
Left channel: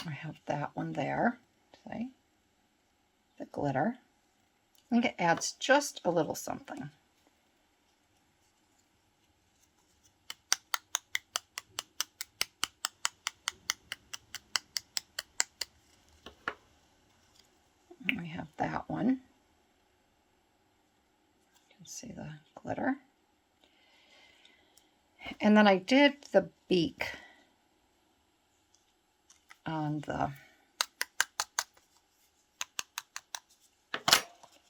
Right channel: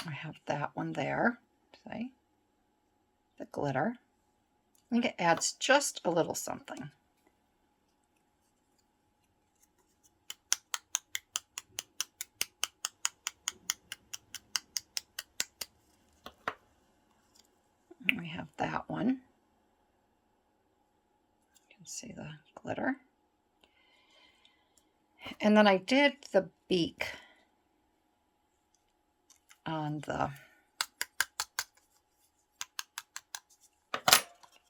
I have that one there. See? The glitter. I think it adds just a little something. And we have that one. You can see the glitter. And then I did the beak on the,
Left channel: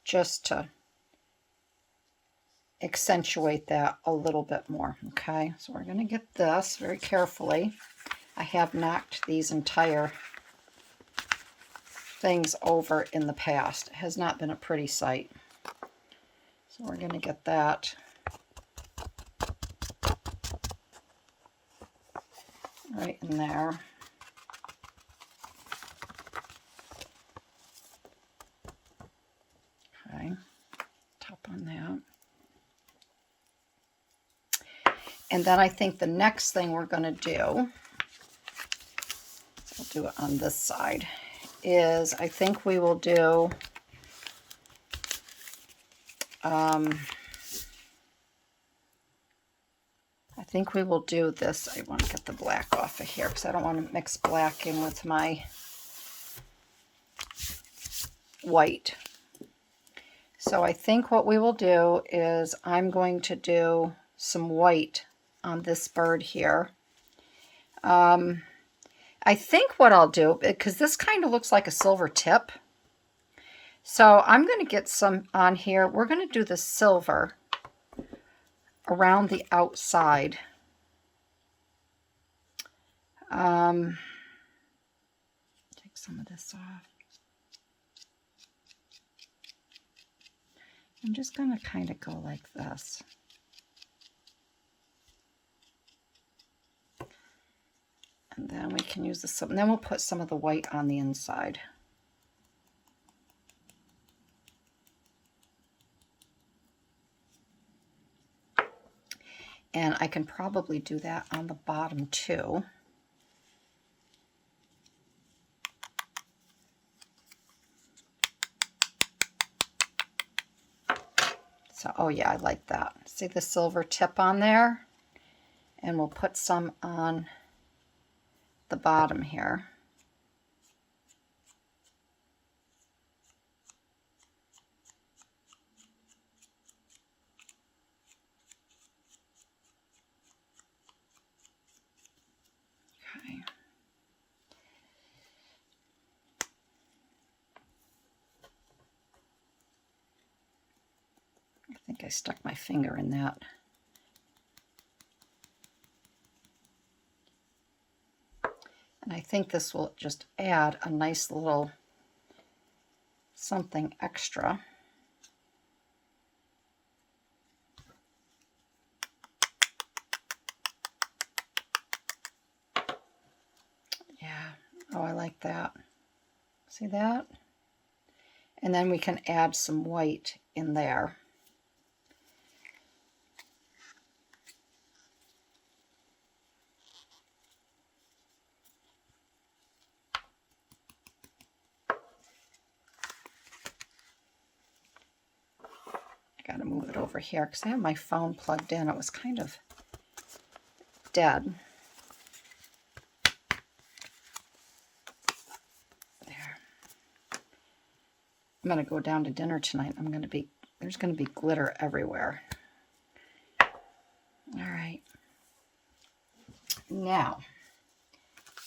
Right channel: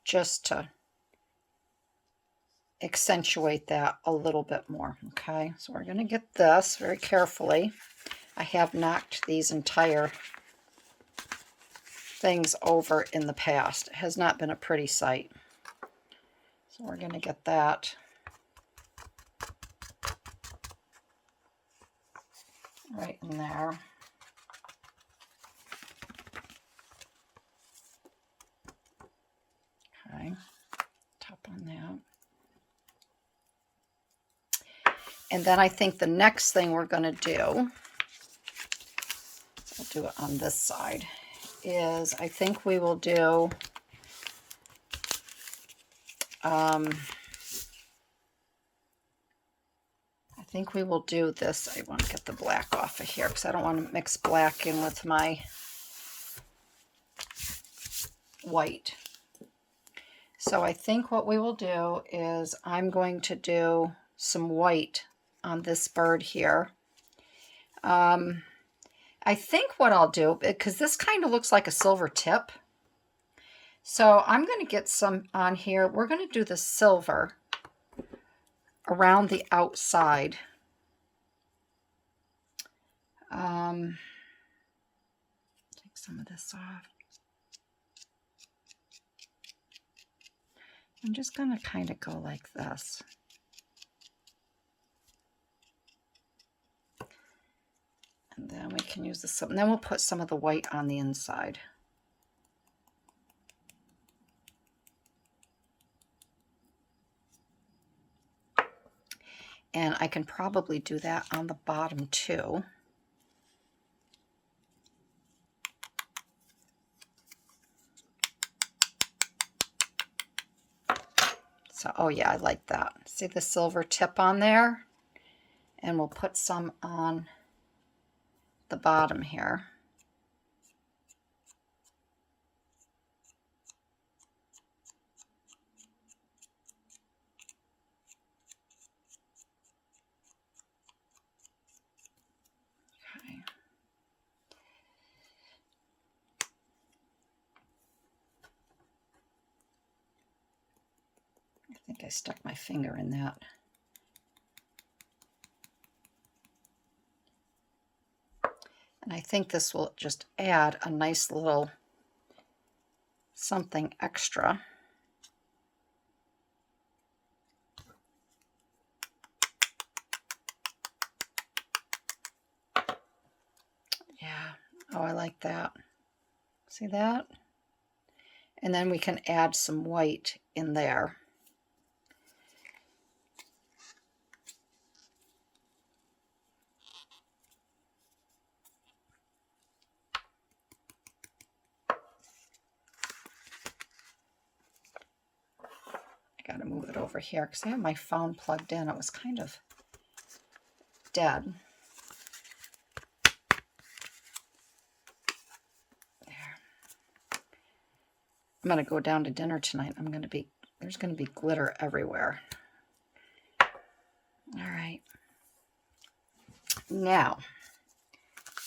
just to accentuate that a little bit more. Okay, so we're going to get this very carefully. I have knocked these entire things over in the past. It has not been a pretty sight. So we're going to get that right in there. Okay, top on that. And then I think the next thing we're going to do, so I'll do it on this side, is I think we will do this. I want to get the black off of here because I don't want to mix black in with my white. So I think what we will do is I'm going to do some white on this bird here. I think what I'll do, because this kind of looks like a silver tip, so I'm going to get some on here. We're going to do the silver around the outside Take some of this off. I'm just going to kind of go like this. And then we can use this, and then we'll put some of the white on the inside. And I can probably do that on the bottom too. So, oh yeah, I like that. See the silver tip on there? And we'll put some on the bottom here. Okay. I think I stuck my finger in that. And I think this will just add a nice little something extra. Yeah, oh, I like that. See that? And then we can add some white in there. I gotta move it over here because I have my phone plugged in. It was kind of dead. There. I'm gonna go down to dinner tonight. There's gonna be glitter everywhere. All right. Now,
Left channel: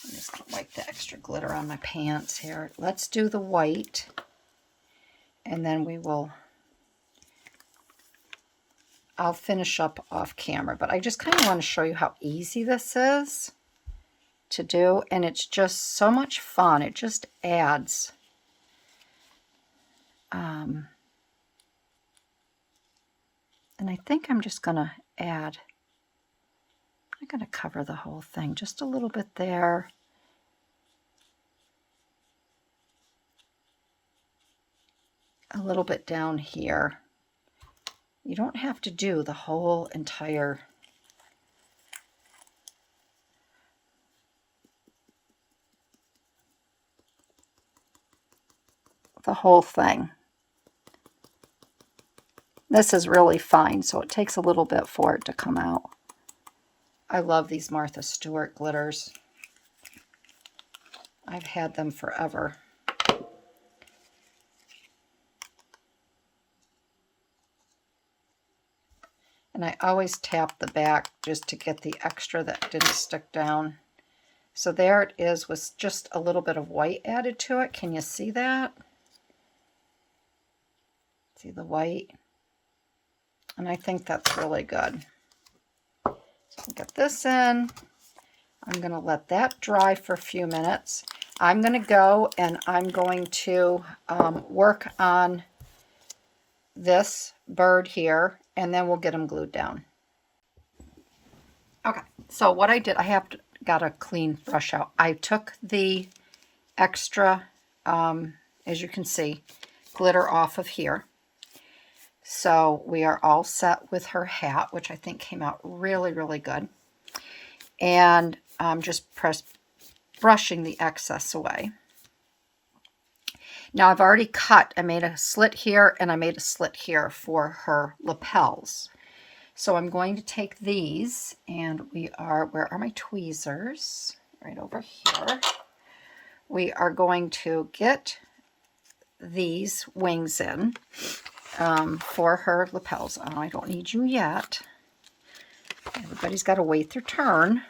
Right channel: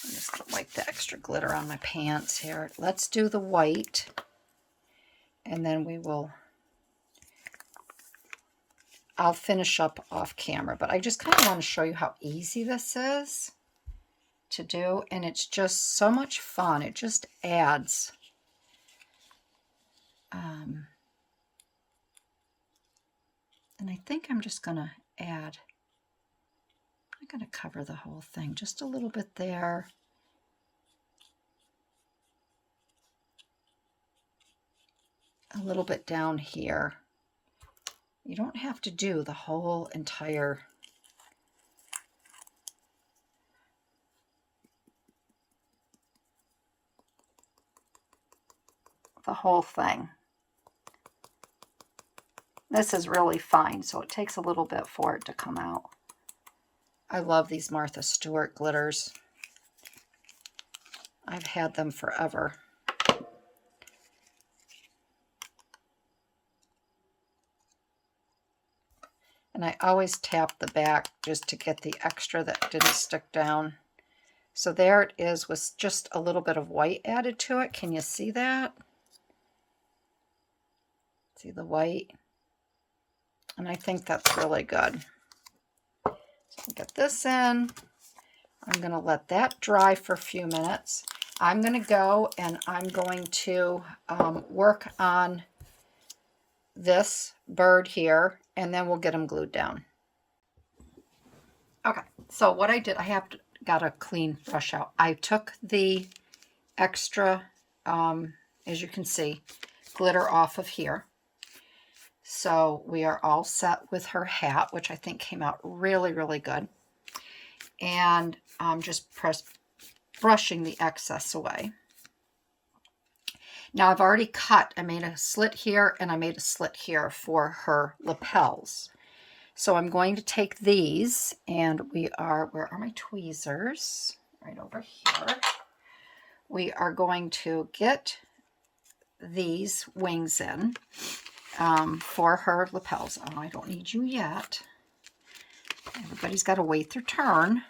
I'm just gonna wipe the extra glitter on my pants here. Let's do the white, and then I'll finish up off camera, but I just kind of want to show you how easy this is to do, and it's just so much fun. It just adds and I think I'm just gonna I'm gonna cover the whole thing, just a little bit there, a little bit down here. You don't have to do the whole entire thing. This is really fine, so it takes a little bit for it to come out. I love these Martha Stewart glitters. I've had them forever. And I always tap the back just to get the extra that didn't stick down. So there it is with just a little bit of white added to it. Can you see that? See the white? And I think that's really good. So I'll get this in. I'm going to let that dry for a few minutes. I'm going to go and I'm going to work on this bird here, and then we'll get them glued down. Okay, so what I did, got a clean brush out. I took the extra, as you can see, glitter off of here. So we are all set with her hat, which I think came out really, really good. And I'm just brushing the excess away. Now I've already cut, I made a slit here and I made a slit here for her lapels. So I'm going to take these, and where are my tweezers? Right over here. We are going to get these wings in for her lapels. Oh, I don't need you yet. Everybody's got to wait their turn.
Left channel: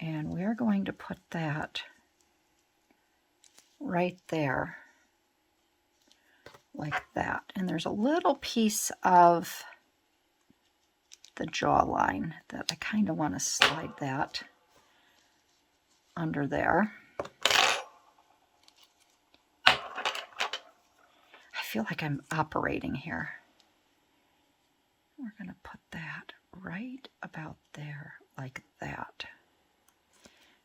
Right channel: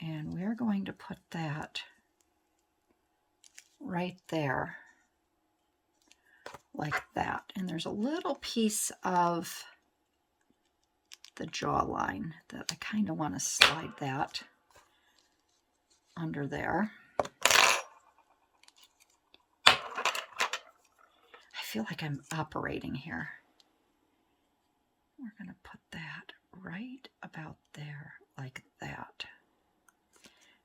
And we're going to put that right there, like that. And there's a little piece of the jawline, that I kind of want to slide that under there. I feel like I'm operating here. We're going to put that right about there, like that.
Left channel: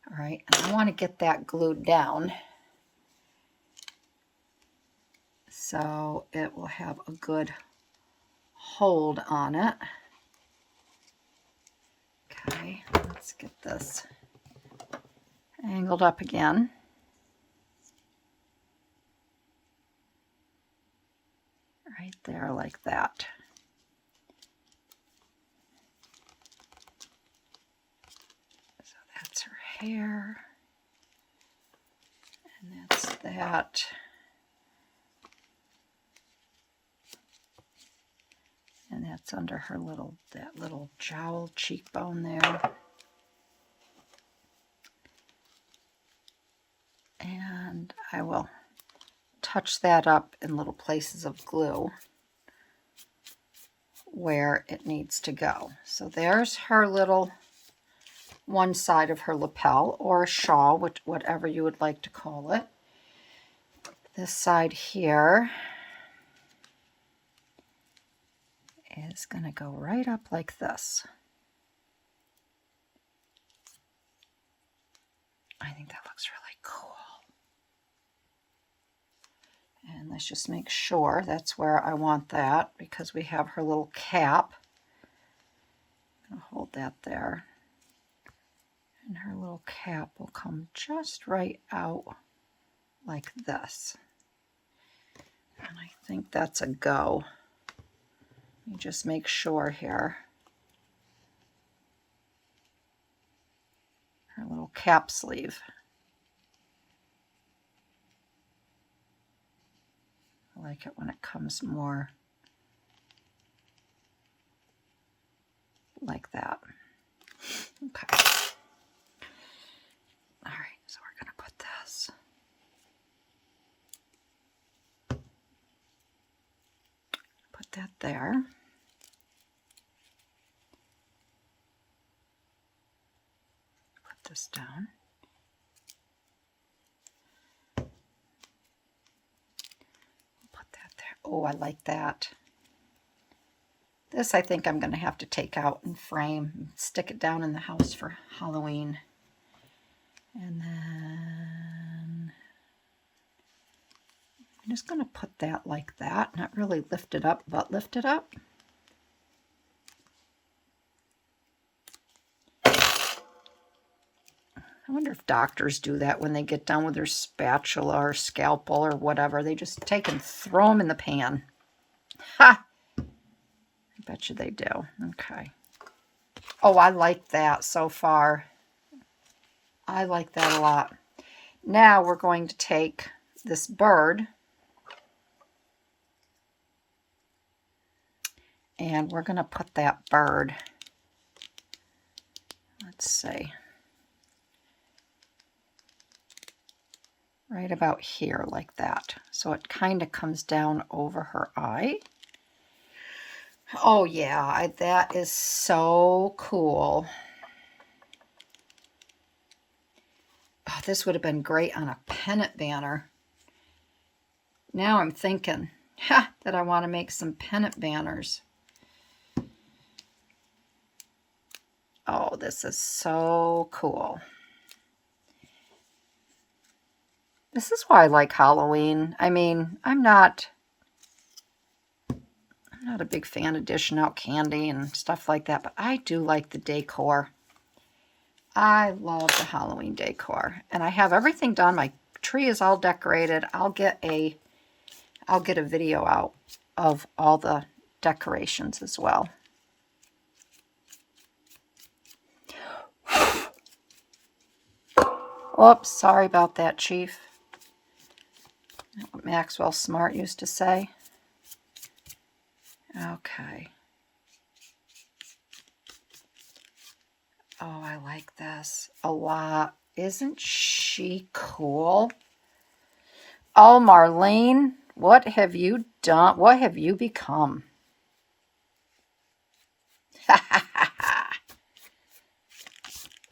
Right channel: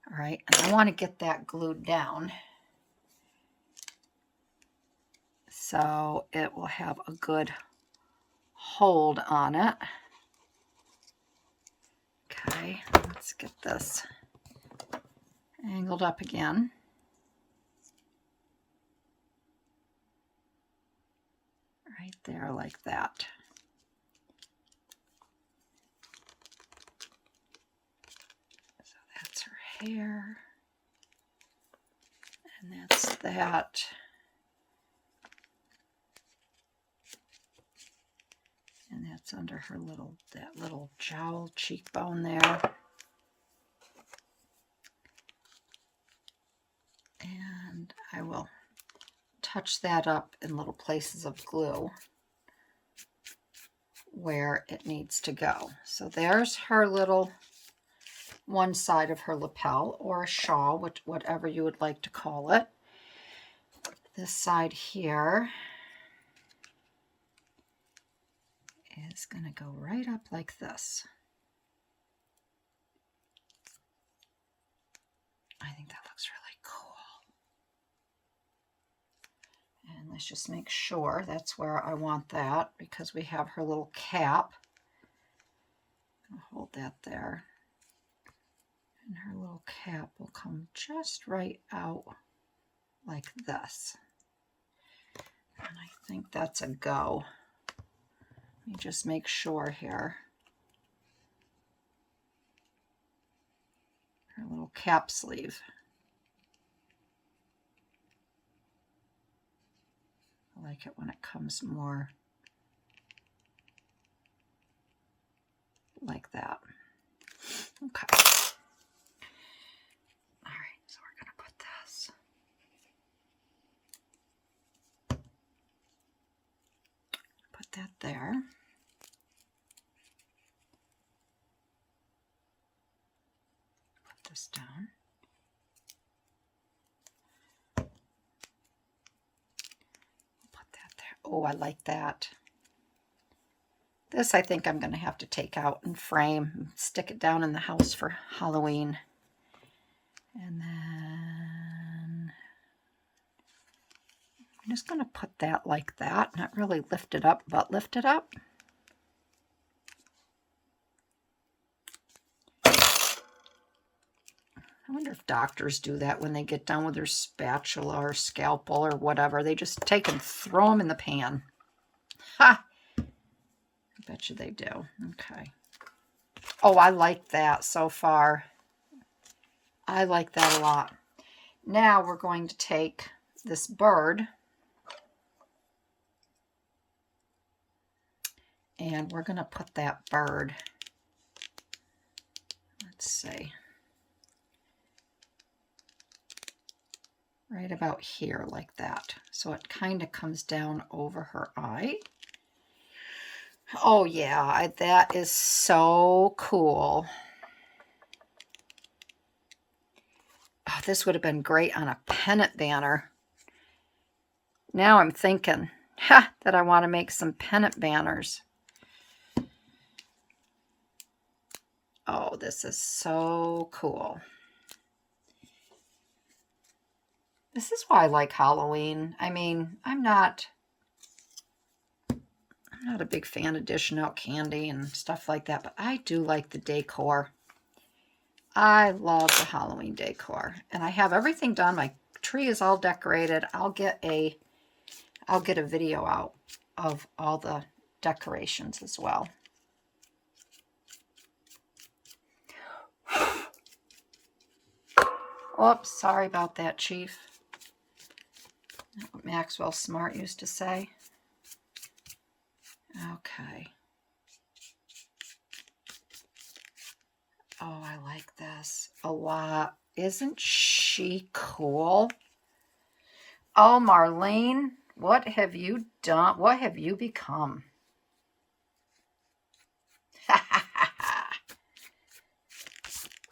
All right, and I want to get that glued down so it will have a good hold on it. Okay, let's get this angled up again. Right there, like that. So that's her hair, and that's that. And that's under her little, that little jowl cheekbone there. And I will touch that up in little places of glue where it needs to go. So there's her little one side of her lapel or shawl, whatever you would like to call it. This side here is going to go right up like this. I think that looks really cool. And let's just make sure that's where I want that, because we have her little cap. I'm going to hold that there. And her little cap will come just right out like this. And I think that's a go. Let me just make sure here. Her little cap sleeve. I like it when it comes more like that. Okay. All right, so we're going to put this. Put that there. Put this down. Put that there. Oh, I like that. This I think I'm going to have to take out and frame and stick it down in the house for Halloween. And then I'm just going to put that like that. Not really lift it up, but lift it up. I wonder if doctors do that when they get done with their spatula or scalpel or whatever. They just take and throw them in the pan. Ha! I bet you they do. Okay. Oh, I like that so far. I like that a lot. Now we're going to take this bird and we're going to put that bird, let's see, right about here like that. So it kind of comes down over her eye. Oh yeah, that is so cool. Oh, this would have been great on a pennant banner. Now I'm thinking that I want to make some pennant banners. Oh, this is so cool. This is why I like Halloween. I mean, I'm not a big fan of dishing out candy and stuff like that, but I do like the decor. I love the Halloween decor, and I have everything done. My tree is all decorated. I'll get a video out of all the decorations as well. Whoops, sorry about that, Chief. That's what Maxwell Smart used to say. Okay. Oh, I like this a lot. Isn't she cool? Oh, Marlene, what have you done? What have you become?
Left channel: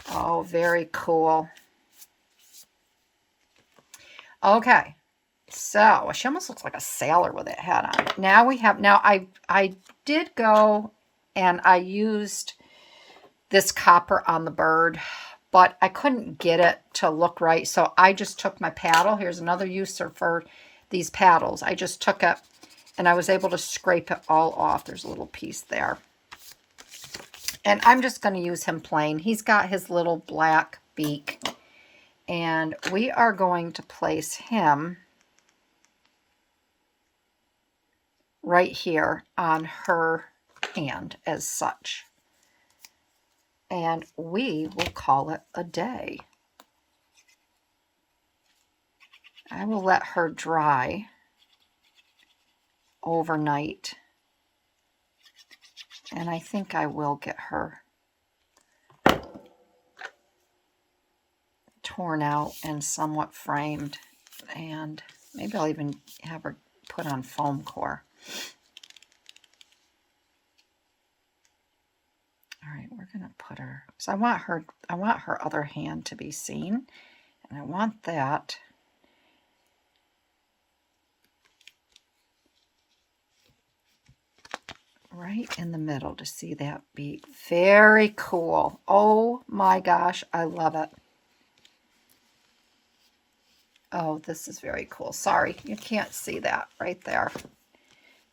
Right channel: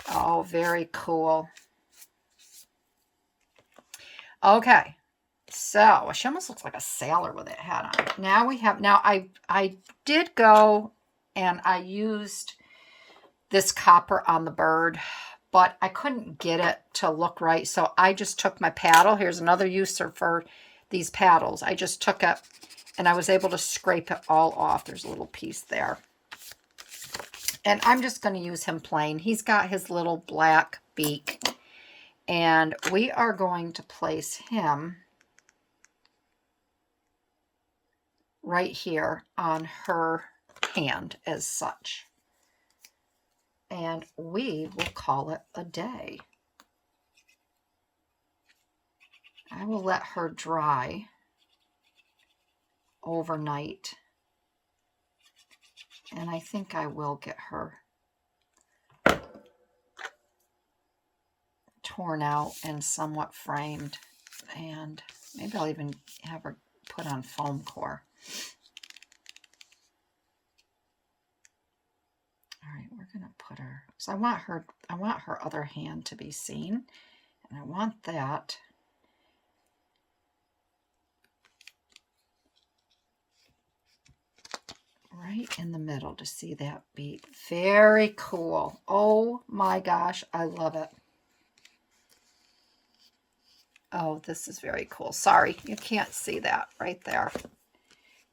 Oh, very cool. Okay. So she almost looks like a sailor with that hat on. Now we have, now I did go and I used this copper on the bird, but I couldn't get it to look right. So I just took my paddle. Here's another use for these paddles. I just took it and I was able to scrape it all off. There's a little piece there. And I'm just going to use him plain. He's got his little black beak. And we are going to place him right here on her hand as such. And we will call it a day. I will let her dry overnight. And I think I will get her torn out and somewhat framed. And maybe I'll even have her put on foam core. All right, we're gonna put her, because I want her other hand to be seen, and I want that right in the middle to see that beak. Very cool. Oh my gosh, I love it. Oh, this is very cool. Sorry, you can't see that right there.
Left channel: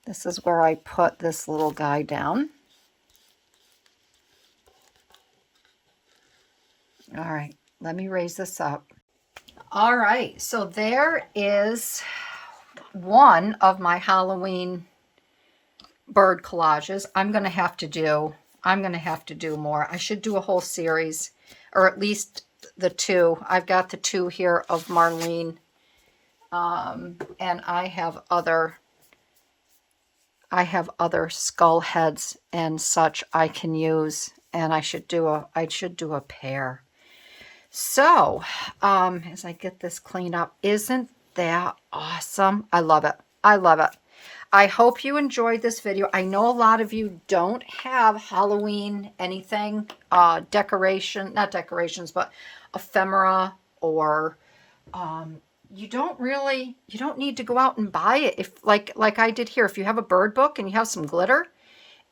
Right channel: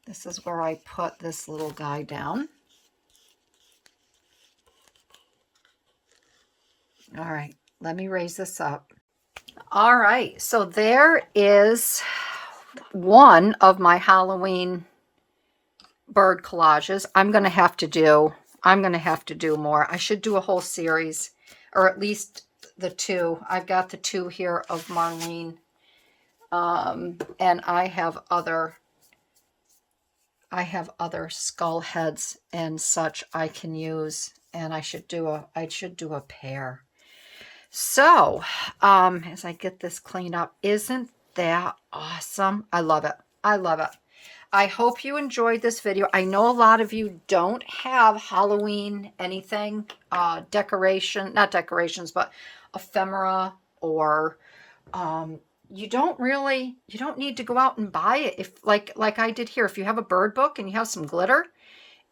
This is where I put this little guy down. All right, let me raise this up. All right, so there is one of my Halloween bird collages. I'm going to have to do more. I should do a whole series, or at least the two. I've got the two here of Marlene, and I have other skull heads and such I can use, and I should do a pair. So, as I get this cleaned up, isn't that awesome? I love it. I love it. I hope you enjoyed this video. I know a lot of you don't have Halloween anything, not decorations, but ephemera, or you don't need to go out and buy it. If like I did here, if you have a bird book and you have some glitter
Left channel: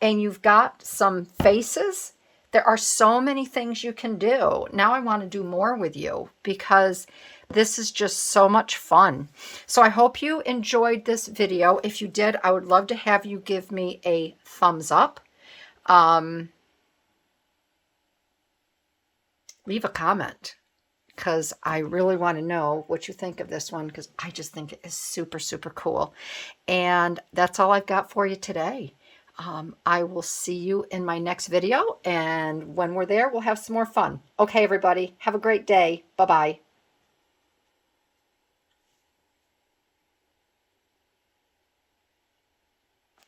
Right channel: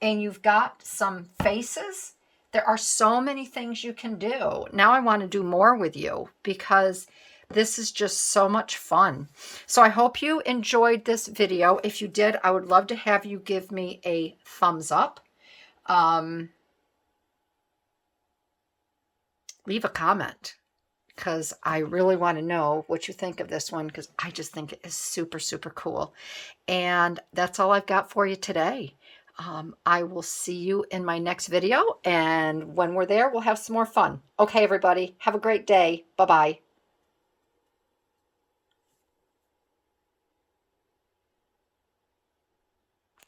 and you've got some faces, there are so many things you can do. Now I want to do more with you because this is just so much fun. So I hope you enjoyed this video. If you did, I would love to have you give me a thumbs up. Leave a comment, because I really want to know what you think of this one, because I just think it is super, super cool. And that's all I've got for you today. I will see you in my next video, and when we're there, we'll have some more fun. Okay, everybody, have a great day. Bye-bye.